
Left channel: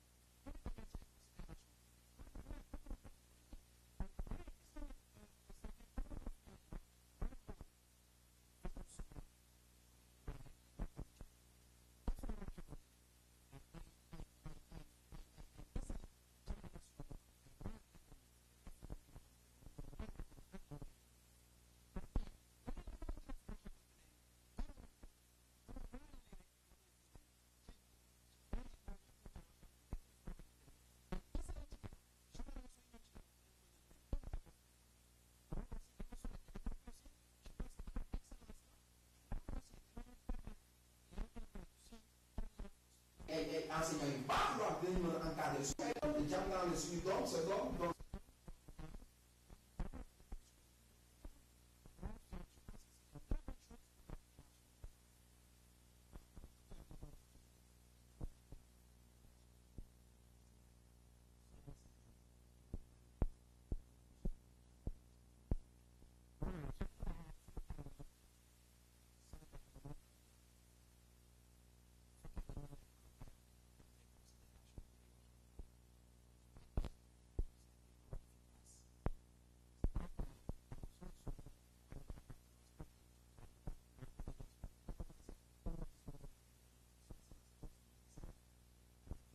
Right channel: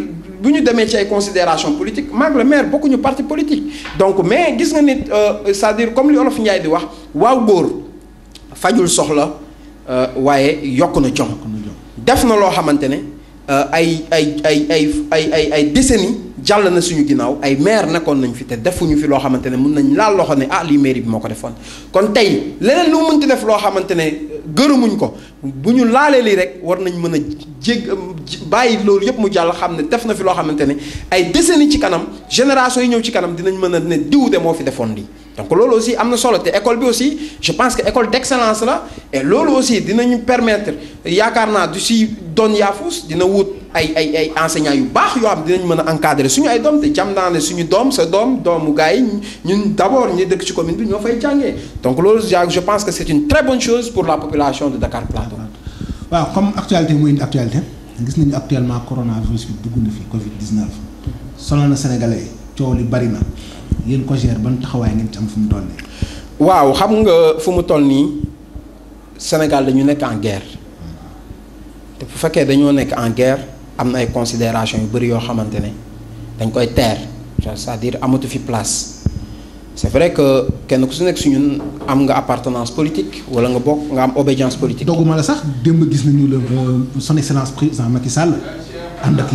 bu ñu demee ci ay considération politique maag le maire bokkuñu parti politique donc mais gis nga nit c'est-à-dire comme li Olof Njaay di wax waaw góor fajul soxla waaye yokk na jom def na loo xamante ne ay décennies jàll na suñu ginnaaw ay maire nekkoon nañ fi te defuñu fi loo xamante ne mën nañ laal loxo ne lii mairie bi moo ko defoon kon tey leneen lu mënti def loo xamante ne gërëmuñ ko bu ñu laalee lii rek war nañ mën a bàyyi loolu yëpp mu jàll xam ne def na fi loo xamante ne ay décennies ci kanam génération yi ñëw ci kanam dinañ mën a ne diw de moo fi defoon lii donc loolu aussi am na solo te école bi aussi je pense que école d'excellence la et loolu aussi dinañu permettre yaakaar naa du si doon yaafus dina wut ay enseignants yu baax yoo xam dinañ mën a encadrer suñu ay doom te jam naa ne suñu doom sa doomu gars yi ñun d'abord ñi dëkk ci commune bi ñoo fay jàngee donc loolu je pense que c'est une très bonne chose pour la population de Dakar Plateau. waaw comme actualité mooy indi actualité gis nañu actuellement coronavirus bi dugg na fi Covid 19 sonal na Sénégalais coow li bari na yéen ko gère ban taxawaay ngeen ci am fu mu toll nii. waaw xam nga fu mu toll nii Sénégal dañu nekk en guerre te bu fekkee dañoo nekk en guerre am na ay considérations yu bari yoo xamante ne dañ koy teer c'est-à-dire amatu fi place. c'est vrai que kenn ku su nekk suñu am nga appartenance politique wala nga bokk nga am obédience politique. dogguma la sax démb gis nañu la son excellence président Macky Sall ànd ak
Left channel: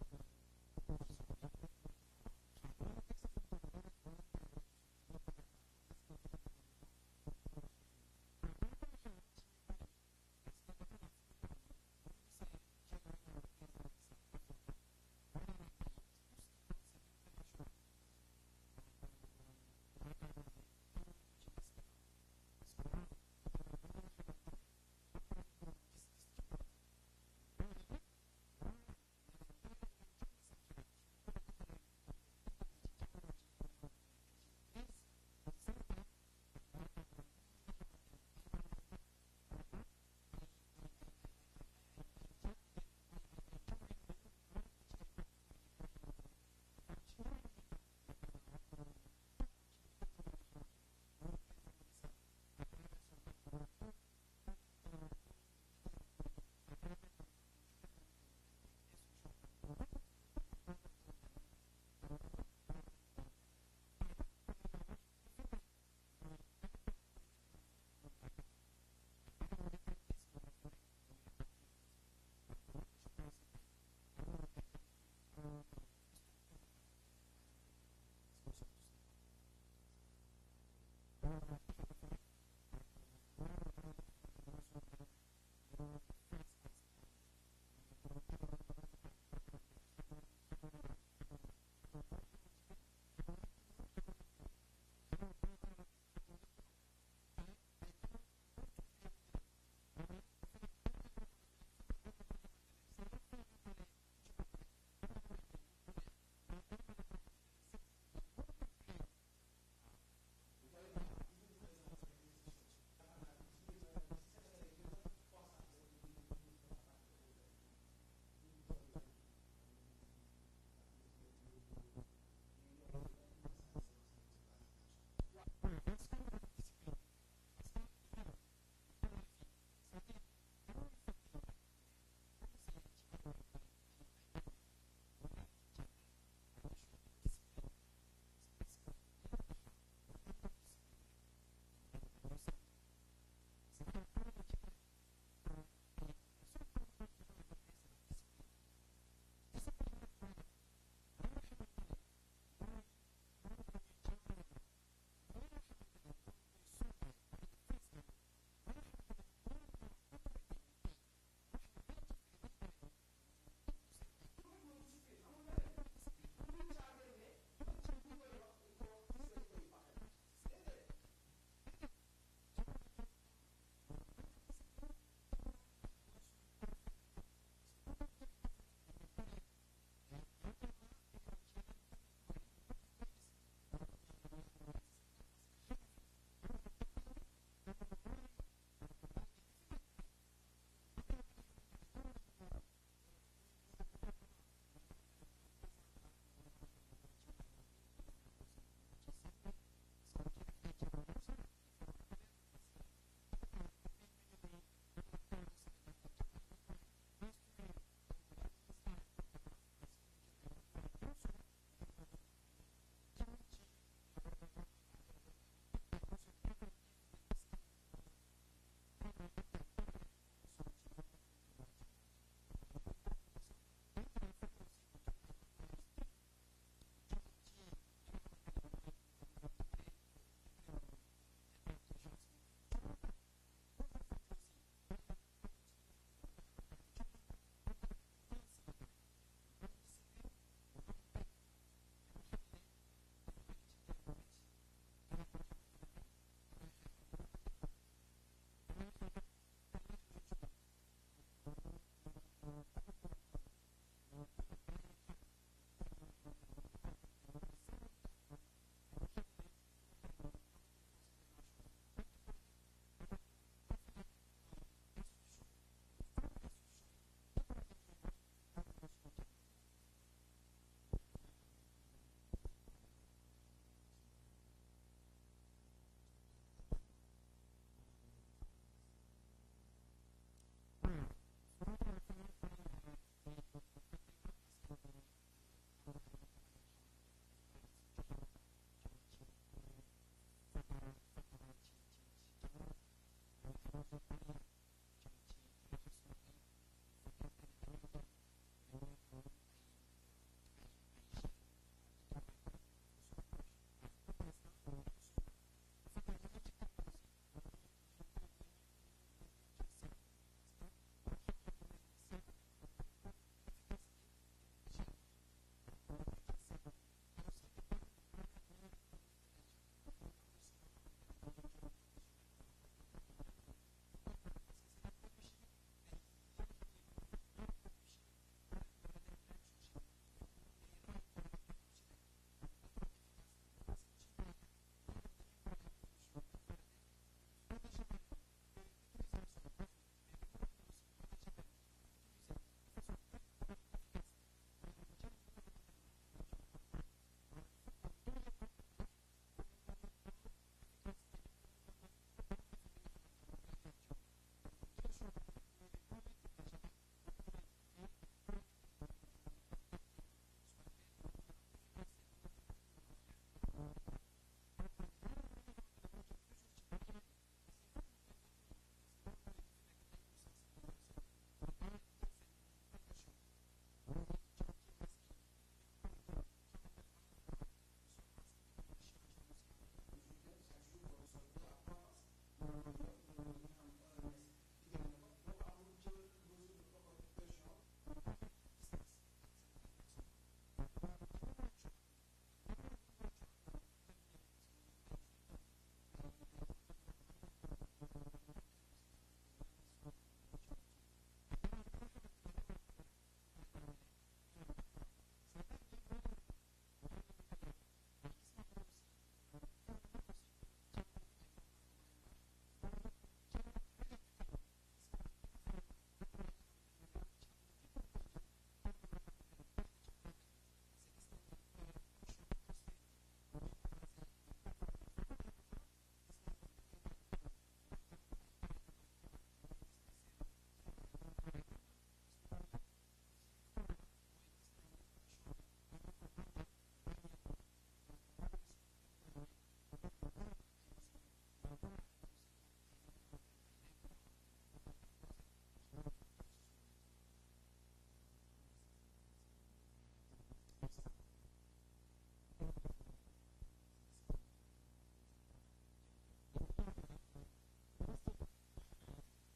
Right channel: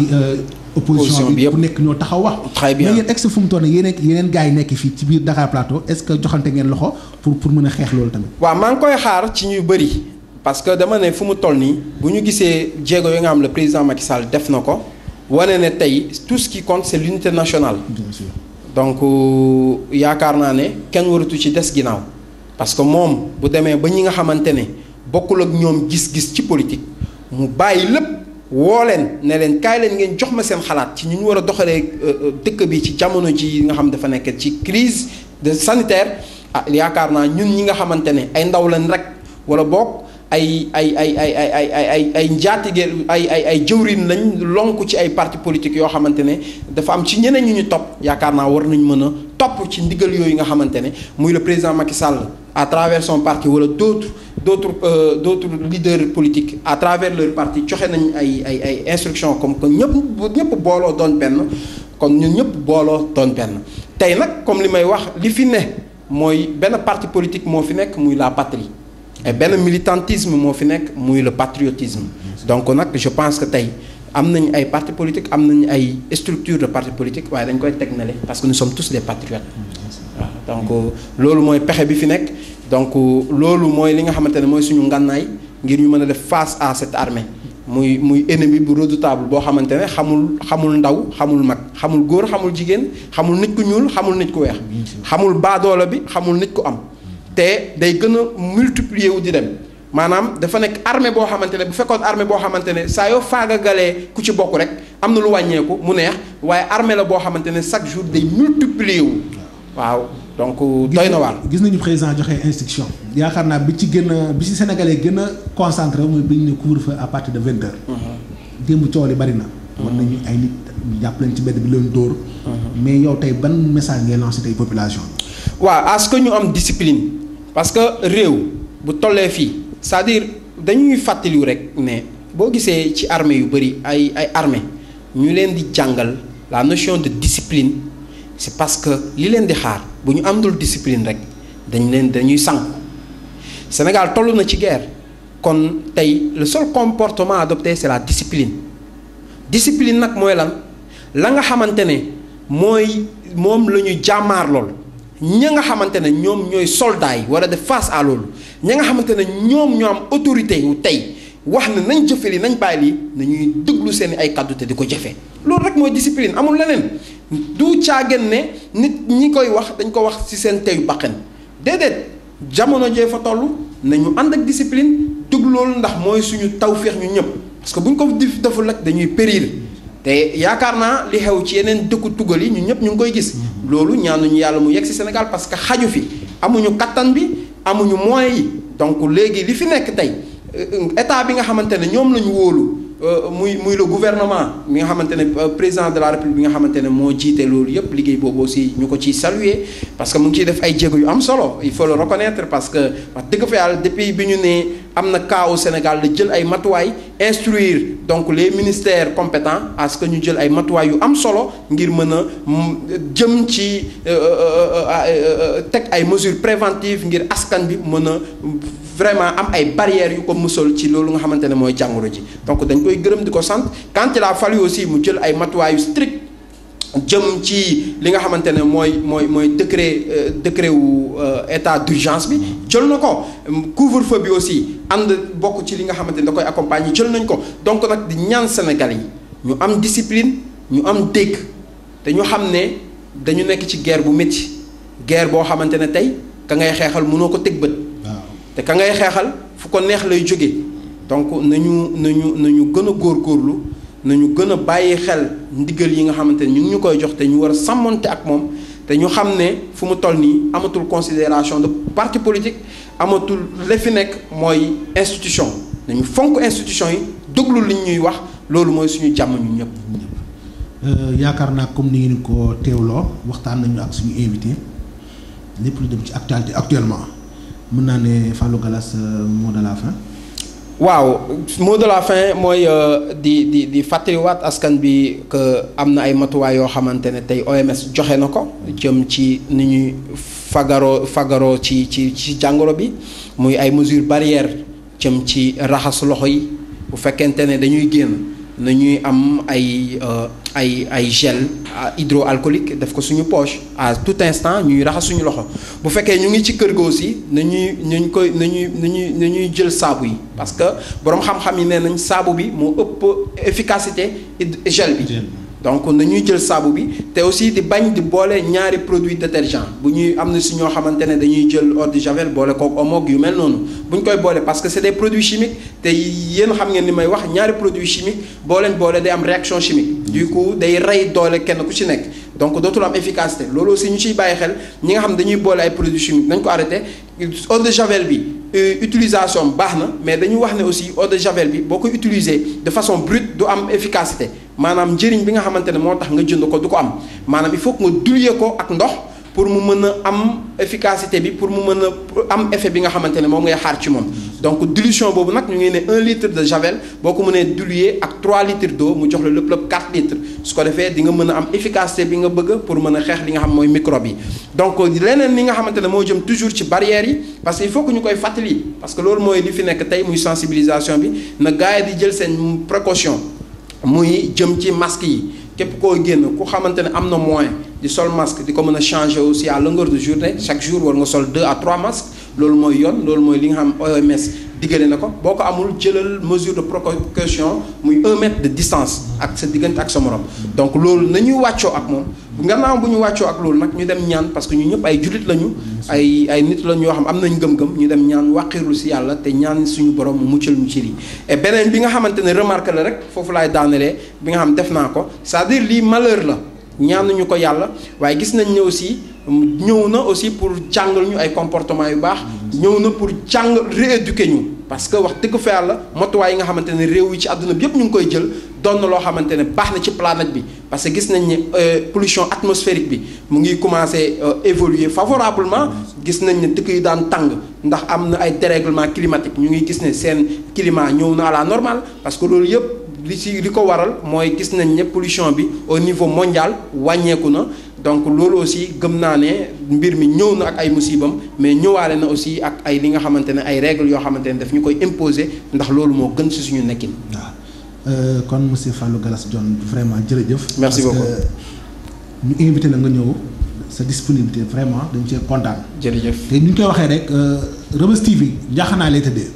opposition bi bu nekk ñoo taxaw wax. très bien mais yéen ex fu mu toll nii yeneen gars yi nekk fii ci biir Dakar Plateau est-ce que joxante ngeen loxo pour mën a xeex loolu tamit. waaw maa ngi koy xaar ci ñu bëri parce que dama ne fu mu toll nii bu ñu gisee jéego yi nga xam le président Macky Sall def na ko wane ne tey tout ce qui compte c'est l'unité nationale. bien sûr. donc yaakaar naa ne kenn waratu ci des ginnaaw parce que moom bu demee ba ñi nga xamante ne bokkul ak ñoom gis-gis ci politique mu bàyyi lépp woo leen ne leen kaay leen ngeen jox ma seen xalaat ci ñu war a doxalee dëkk bi ci jamono ji nga xam dafa nekk ci crise de sanitaire yaakaar naa ñun ñi nga xamante ne ay ndaw leen rek wala bokk ay njaatige ay jëwriñ lañ lonku ci ay parti politique yoo xamante ne dafa am ci ñeneen ñu topp yaakaar naa war nañ mën a topp ci ndigal yooyu nga xamante ne muy le président Macky Sall à travers son parti wala d'autres leaders politiques à travers leur parti joxe nañ ay instructions comme que ñëpp booloo doon benn kon ñun ñëpp booloo doon benn tey nag comme li may wax li fi ne mooy benn parti politique moo fi nekk muy la patrie et benn militantisme moo fi nekk muy le patriotisme donc nag je pense que tey am nañ ay parti politique am nañ ay structure de parti politique waaye dañ koy teg nale parce que nous sommes tous des patriotes waaw donc loolu mooy pexe bi fi nekk donc loolu mooy li nga xamante ne mooy suñu ngànnaay ngir ñu mën a def face à cette armée muy ennemi bu redoutable boo xamante ne xamul ndaw xamul mag xamul góor xamul jigéen xamul nit ku ñuul xamul nit ku weex xamul baadoola bi xamul nit ku am te day gën a multiplier wu di dem maanaam dafa nekk armée boo xamante ne bu fekkoon armée boo xamante ne saa yoo faagagalee ku ci bokk rek am na lu wàññeeku mu neex waaye armée la boo xamante ne chaque jour day multiplier wu waaw donc doy na waar. gis nañu président joxe instruction yaakaar naa bi ci Sénégalais gën a concentré mooy bi ñu ne couvre-feu à partir de 20 heures. démb coow li bari na. mën nañu ay nit ñu jàpp leen ci mbedd bi leen dóor. mais yow tey ban message ngay lancé tey population bi. waaw à ce que ñu am discipline parce que réew bu tollee fii c'est-à-dire dañuy fàttaliwu rek ne boo gisee ci armée yu bari ay armée ñu leen di jàngal la notion de discipline. c'est parce que li leen di xaar bu ñu amdul discipline rek dañuy sànku Sénégal toll na ci guerre kon tey le seul comportement adopté c'est la discipline nag mooy lan la nga xamante ne mooy moom la ñuy jàmmaar lool ña nga xamante ne ñoom ñooy soldats yi war a def face à loolu ña nga xamante ne ñoom ñoo am autorité yu tey wax ne nañ jëfe li nañ bàyyi lii nañuy déglu seen ay kàddu te di ko jëfe loolu rek mooy discipline amul leneen du caagen ne nit ñi koy wax dañ ko wax ci seen teyu baqen déedéet jamono jee fa toll nañu ànd ak discipline déglu loolu ndax mooy suñu tawféex ñu ñëpp parce que bu ñu ko deful rek dañuy périr te yaakaar naa li xew ci yeneen dëkku tugal yi ñu ñëpp ñu ngi koy gis loolu ñaanuñu yàlla mu yegg ci Sénégal parce que xaju fi amuñu kattan bi amuñu moyens yi donc léegi li fi nekk tey état bi nga xamante ne ñoom la ñu wóolu muy le gouvernement bi nga xamante ne président de la république bi nga xamante ne moo jiite loolu yëpp liggéey boobu aussi ñu ko ciy saluer parce que mu ngi ciy def ay jéego yu am solo il faut le reconnaître parce que wax dëgg fa yàlla depuis bi ñu ne am na cas au Sénégal la jël ay matuwaay instruire donc les ministères compétents à ce que ñu jël ay matuwaay yu am solo ngir mën a jëm ci teg ay mesures préventives ngir askan bi mën a vraiment am ay barrières yu ko musal ci loolu nga xamante ne mooy jàngoro ji donc dañ koy gërëm di ko sant quand il a fallu aussi mu jël ay matuwaay yu strict jëm ci li nga xamante ne mooy décret wu état d'urgence bi jël na ko couvre-feu bi aussi ànd bokk ci li nga xamante ne da koy accompagner jël nañ ko donc nag di ñaan Sénégal yi ñu am discipline ñu am dégg te ñu xam ne dañu nekk ci guerre bu métti guerre boo xamante ne tey ka ngay xeexal mënoo ko teg bët te ka ngay xeexal fu ko neex lay jóge donc nañu gën a góorgóorlu nañu gën a bàyyi xel ndigal yi nga xamante ne ñu ngi ñu koy jox te ñu war a sàmmonte ak moom te ñu xam ne fu mu toll nii amatul considération de parti politique amatul la fi nekk mooy institution nañu fonk institution yi déglu li ñuy wax loolu mooy suñu jàmm ñu ñëpp. yaakaar naa comme ni ngeen ko teewloo waxtaan nañu ak suñu invité lépp lu dem ci actualité actuellement mën naa ne Fallou Gallas mot de la fin. waaw mot de la fin mooy di fàttaliwaat askan bi que am na ay matuwaay yoo xamante ne tey OMS joxe na ko jëm ci ni ñuy fagaroo ci jàngoro bi muy ay mesures barrières jëm ci raxas loxo yi bu fekkente ne dañuy génn nañuy am ay gel hydroalcoolique def ko suñu poche à tout instant ñuy raxas suñu loxo bu fekkee ñu ngi ci kër ga aussi nañuy jël saabu yi parce que boroom xam-xam yi nee nañ saabu bi moo ëpp efficacité gel bi donc nañuy jël saabu bi te aussi di bañ di boole ñaari produit détergent bu ñuy am na si ñoo xamante ne dañuy jël eau de javel boole kook omo yu mel noonu bu ñu koy boole parce que c'est des produits chimiques te yéen xam ngeen ni may wax ñaari produits chimiques boo leen boole day am réaction chimique du coup day rey doole kenn ku ci nekk donc dootul am efficacité loolu aussi ñu ciy bàyyi xel ñi nga xam dañuy boole ay produits chimiques nañ ko arrêté eau de javel bi utilisation baax na mais dañu wax ne aussi eau de javel bi boo koy utiliser de façon brute du am efficacité maanaam njëriñ bi nga xamante ne moo tax nga jënd ko du ko am maanaam il faut que nga diluer ko ak ndox pour mu mën a am efficacité bi pour mu mën a am effet bi nga xamante ne moom ngay xaar ci moom donc dilution boobu nag ñu ngi ne 1 litre de javel boo ko mënee diluer ak 3 litres d'eau mu jox la lépp 4 litres su ko defee di nga mën a am efficacité bi nga bëgg pour mën a xeex li nga xam mooy microbe yi donc leneen li nga xamante ne moo jëm toujours ci barrières yi parce que il faut que ñu koy fàttali parce que loolu mooy li fi nekk tey muy sensibilisation bi na gars yi di jël seen précaution muy jëm ci masque yi képp koo génn ku xamante ne am na moyen di sol masque di ko mën a changer aussi à longueur de journée chaque jour war nga sol 2 à 3 masques loolu mooy yoon loolu mooy li nga xam OMS diggale na ko boo ko amul jëlal mesure de précaution muy 1 mètre de distance ak sa diggante ak sa morom donc loolu nañuy wàccoo ak moom gannaaw bu ñu wàccoo ak loolu nag ñu dem ñaan parce que ñu ñëpp ay jullit lañu ay nit lañu yoo xam am nañ gëm-gëm ñu dem ñaan wàqiirlu si yàlla te ñaan suñu borom mu muccal ñu ci lii et beneen bi nga xamante ne remarque la rek foofu laay daanelee bi nga xam def naa ko c'est-à-dire lii malheur la ñaanuñu ko yàlla waaye gis nañ ne aussi ñëw na aussi pour jàngal ñu ay comportement yu baax ñëw na pour rééduquer ñu parce que wax dëgg fa yàlla motuwaay yi nga xamante ne réew yi ci àdduna bi yëpp ñu ngi koy jël doon na loo xamante ne baax na ci planète bi parce que gis nañ ne pollution atmosphérique bi mu ngi commencer évoluer favorablement gis nañ ne dëkk yi daan tàng ndax am na ay dérèglement climatique ñu ngi gis ne seen climat ñëw na à la normale parce que loolu yëpp li ko waral mooy gis nañ ne pollution bi au niveau mondial wàññeeku na donc loolu aussi gëm naa ne mbir mi ñëw na ak ay musibam mais ñëwaale na aussi ak ay li nga xamante ne ay règles yoo xamante ne daf ñu koy imposer ndax loolu moo gën ci suñu nekkin. waaw kon monsieur Fallou Galass Dione vraiment jërëjëf. merci beaucoup ñu invité la nga ñëw sa disponibilité vraiment dañ cee kontaan. jërëjëf te ni ñu koy waxee rek Reubeuss TV njaaxanaa lay tëddee.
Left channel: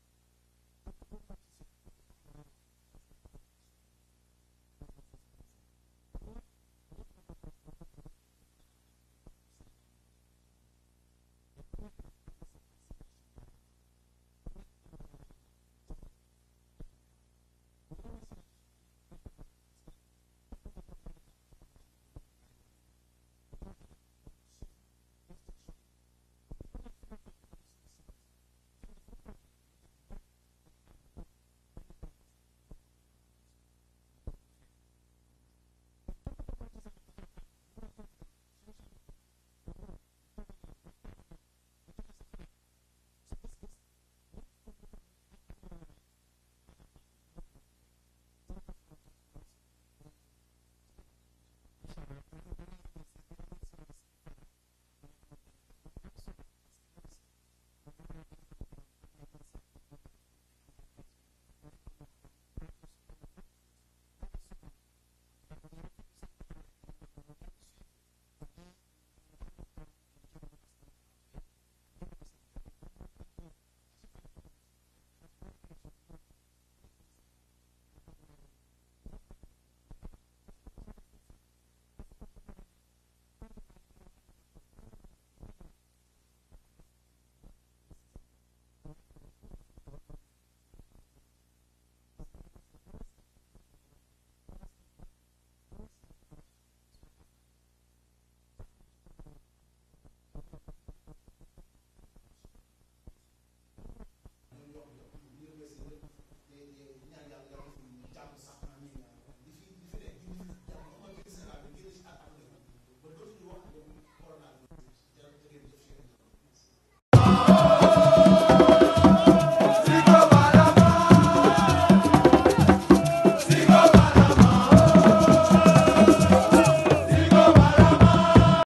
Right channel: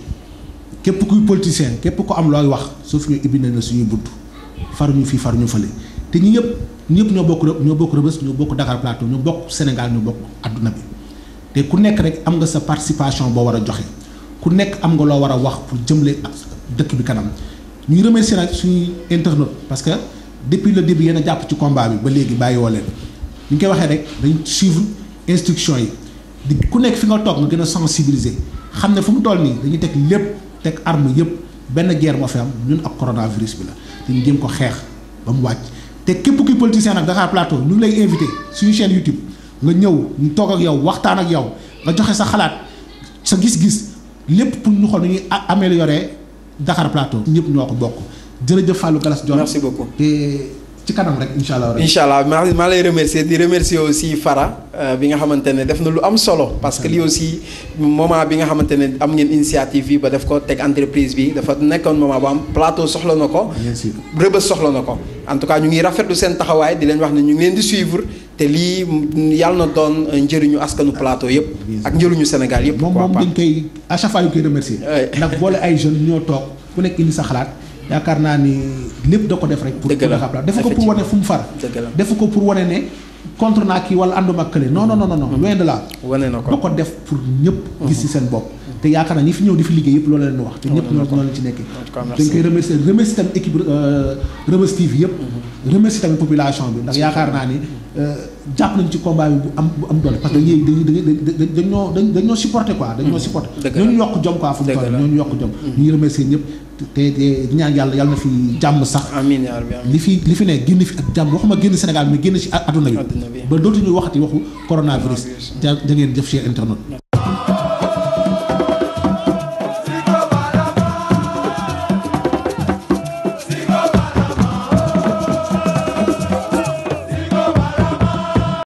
képp kuy politicien képp ko am looy wax suuf ñu ibbi nañ la suñuy bunt faruñu fii faruñu fële te ñi ñëpp ñoo bokk Reubeuss ñoo bokk Dakar Plateau ñoo bokk Sénégal ñoo bokk adduna bi te ku nekk rek am nga sa participation boo war a joxe ku nekk am nga loo war a wax pour jëmle ak dëkk bi kanam ñuy remercier nag suñuy internautes parce que depuis le début yéen a jàpp ci combat bi ba léegi bàyyiwoo leen ñu koy waxee rek dañ suivre instruction yi di ku nekk fi nga toog nga gën a sensibiliser xam ne fu mu toll nii dañuy teg lépp teg arme yëpp benn guerre moo fi am ñun ak coronavirus bi la te ñu jéem ko xeex ba mu wàcc te képp kuy politicien nag Dakar Plateau ñu ngi lay invité suñu chaîne YouTube nga ñëw ñu toog ak yow waxtaan ak yow nga joxe sa xalaat sa gis-gis lépp pour ñu xool nu ñuy améliorer Dakar Plateau ñëpp ñoo ko bokk jërëjëf Fallou Galass Dione. merci beaucoup te ci kanam rek incha allah. incha allah maa lay remercier di remercier aussi Fara bi nga xamante ne def na lu am solo parce que lii aussi moment bi nga xamante ne am ngeen initiative bi ba def ko teg entreprise bi dafa nekkoon moment bu am Plateau soxla na ko. bien sûr Reubeuss soxla na ko en tout cas ñu ngi rafetlu seen taxawaay di leen wax ne ñu ngi leen di suivre te lii yàlla na doon njëriñu askanu Plateau yëpp. ak njëriñu Sénégal yëpp. moom dañ koy à chaque fois ñu koy remercier. ndax boole ay jeunes ñoo toog ku nekk indi sa xalaat. yaakaar naa ni lépp da ko def rek. pour Dakar Plateau defu ko pour wane fu mu far. defu ko pour wane ne contre naa kii wala ànduma ak kële non non non non. loin de là. wane na ko da ko def pour ñëpp. gis ci seen bopp. te yaakaar naa ñi fi ñëw di fi liggéey yëpp loolu leen wax. te ñëpp ñoo leen ci nekkee. dañ koy remercier tamit équipe Reubeuss TV yëpp. remercier tamit population bi ndax yaakaar naa ni jàpp nañ ci combat bi bu am doole parce que dañoo supporter quoi. dañoo supporter. ñooñu yokk jom quoi fu mu toll ñooñu yokk jom. ñu ngi remercier ñëpp te ñaan yàlla na fi jàmm sax. amiin yaa rabbi li fi ne génn fi ak jàmm waxuma génn Sénégal mais génn ci adduna bi. ba dootuñu waxati waxu coronavirus. ja ngeen jëf ci internet.